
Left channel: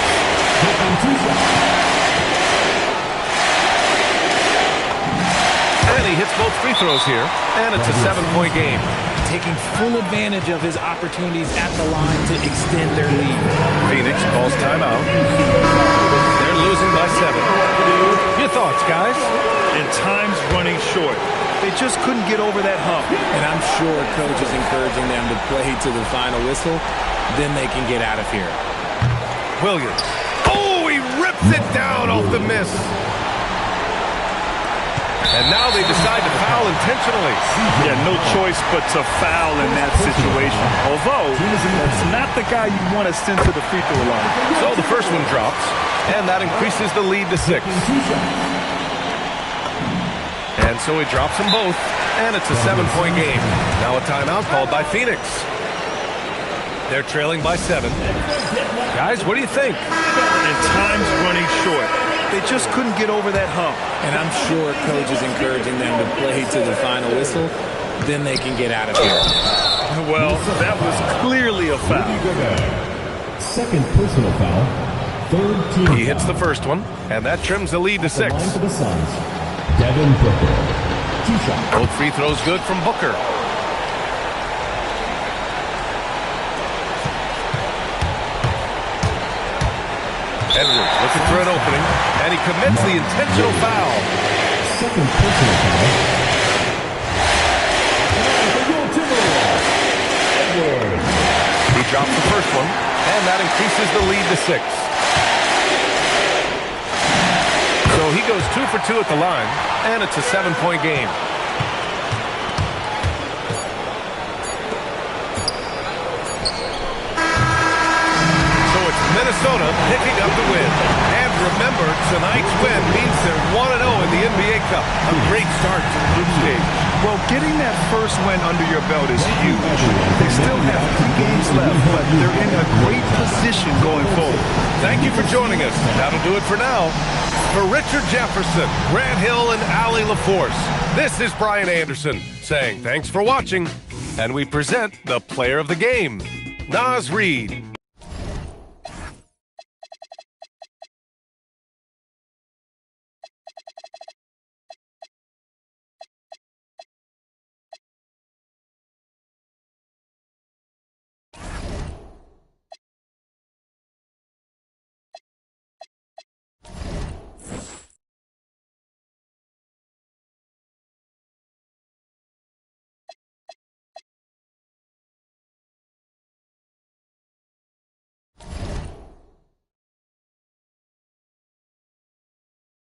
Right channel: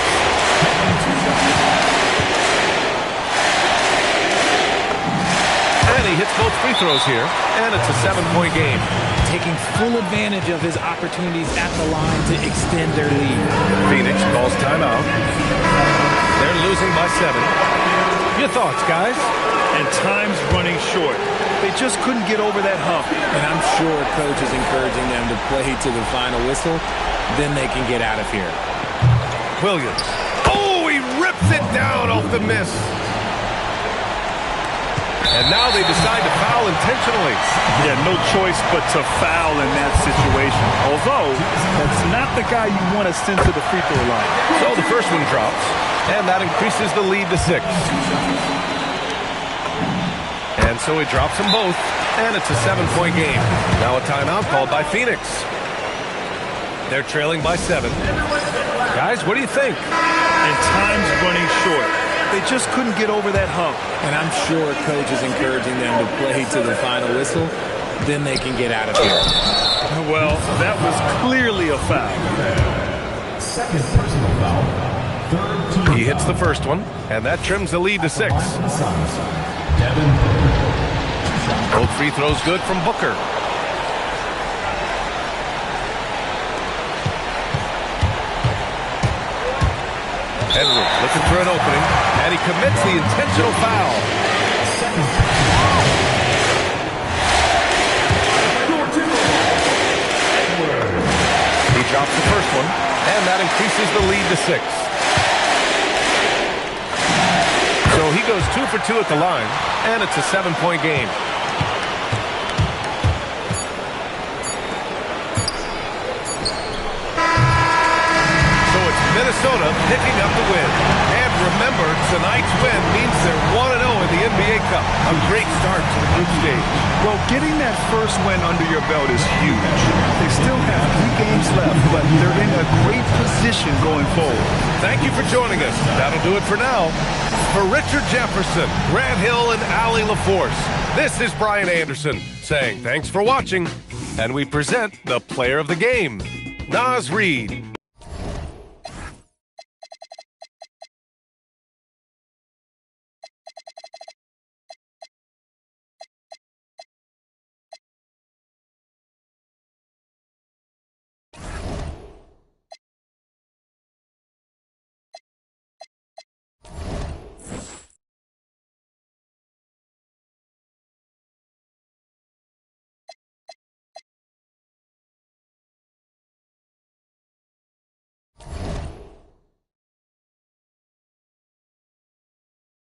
And he hits both free throws here, and it's a 7-point game. Taking full advantage of his opportunities at the line to extend their lead. Phoenix calls timeout. They're losing by 7. Your thoughts, guys? And time's running short. They just couldn't get over that hump. And I'm sure coach is encouraging them to play to the final whistle. Then they can get out of here. Williams. Oh, he rips it down off the miss. And now they decide to foul intentionally. Yeah, no choice but to foul in that situation. Although, that's not the guy you want to send to the free throw line. So the first one drops. and that increases the lead to 6. And so he drops them both, and it's a 7-point game. Now a timeout called by Phoenix. They're trailing by 7. Guys, what do you think? And time's running short. They just couldn't get over that hump. And I'm sure coach is encouraging them to play to the final whistle. Then they can get out of here. Well, that was clearly a foul. Second personal foul. Third team He hits foul. the first one, and that trims the lead to 6. Line for the Suns, Devin Booker. 2 shots. Both free throws good from Booker. Edwards looking for an opening, and he commits the intentional foul. Second personal foul. He drops the first one, and that increases the lead to 6. So he goes 2 for 2 at the line, and it's a 7-point game. So it's Minnesota picking up the win. And remember, tonight's win means they're 1-0 in the NBA Cup. A great start to the group stage. Well, getting that first win under your belt is huge. They still have 3 games left, but they're in a great position going forward. Thank you for joining us. That'll do it for now. For Richard Jefferson, Grant Hill, and Allie LaForce, this is Brian Anderson saying thanks for watching. And we present the player of the game, Naz Reid.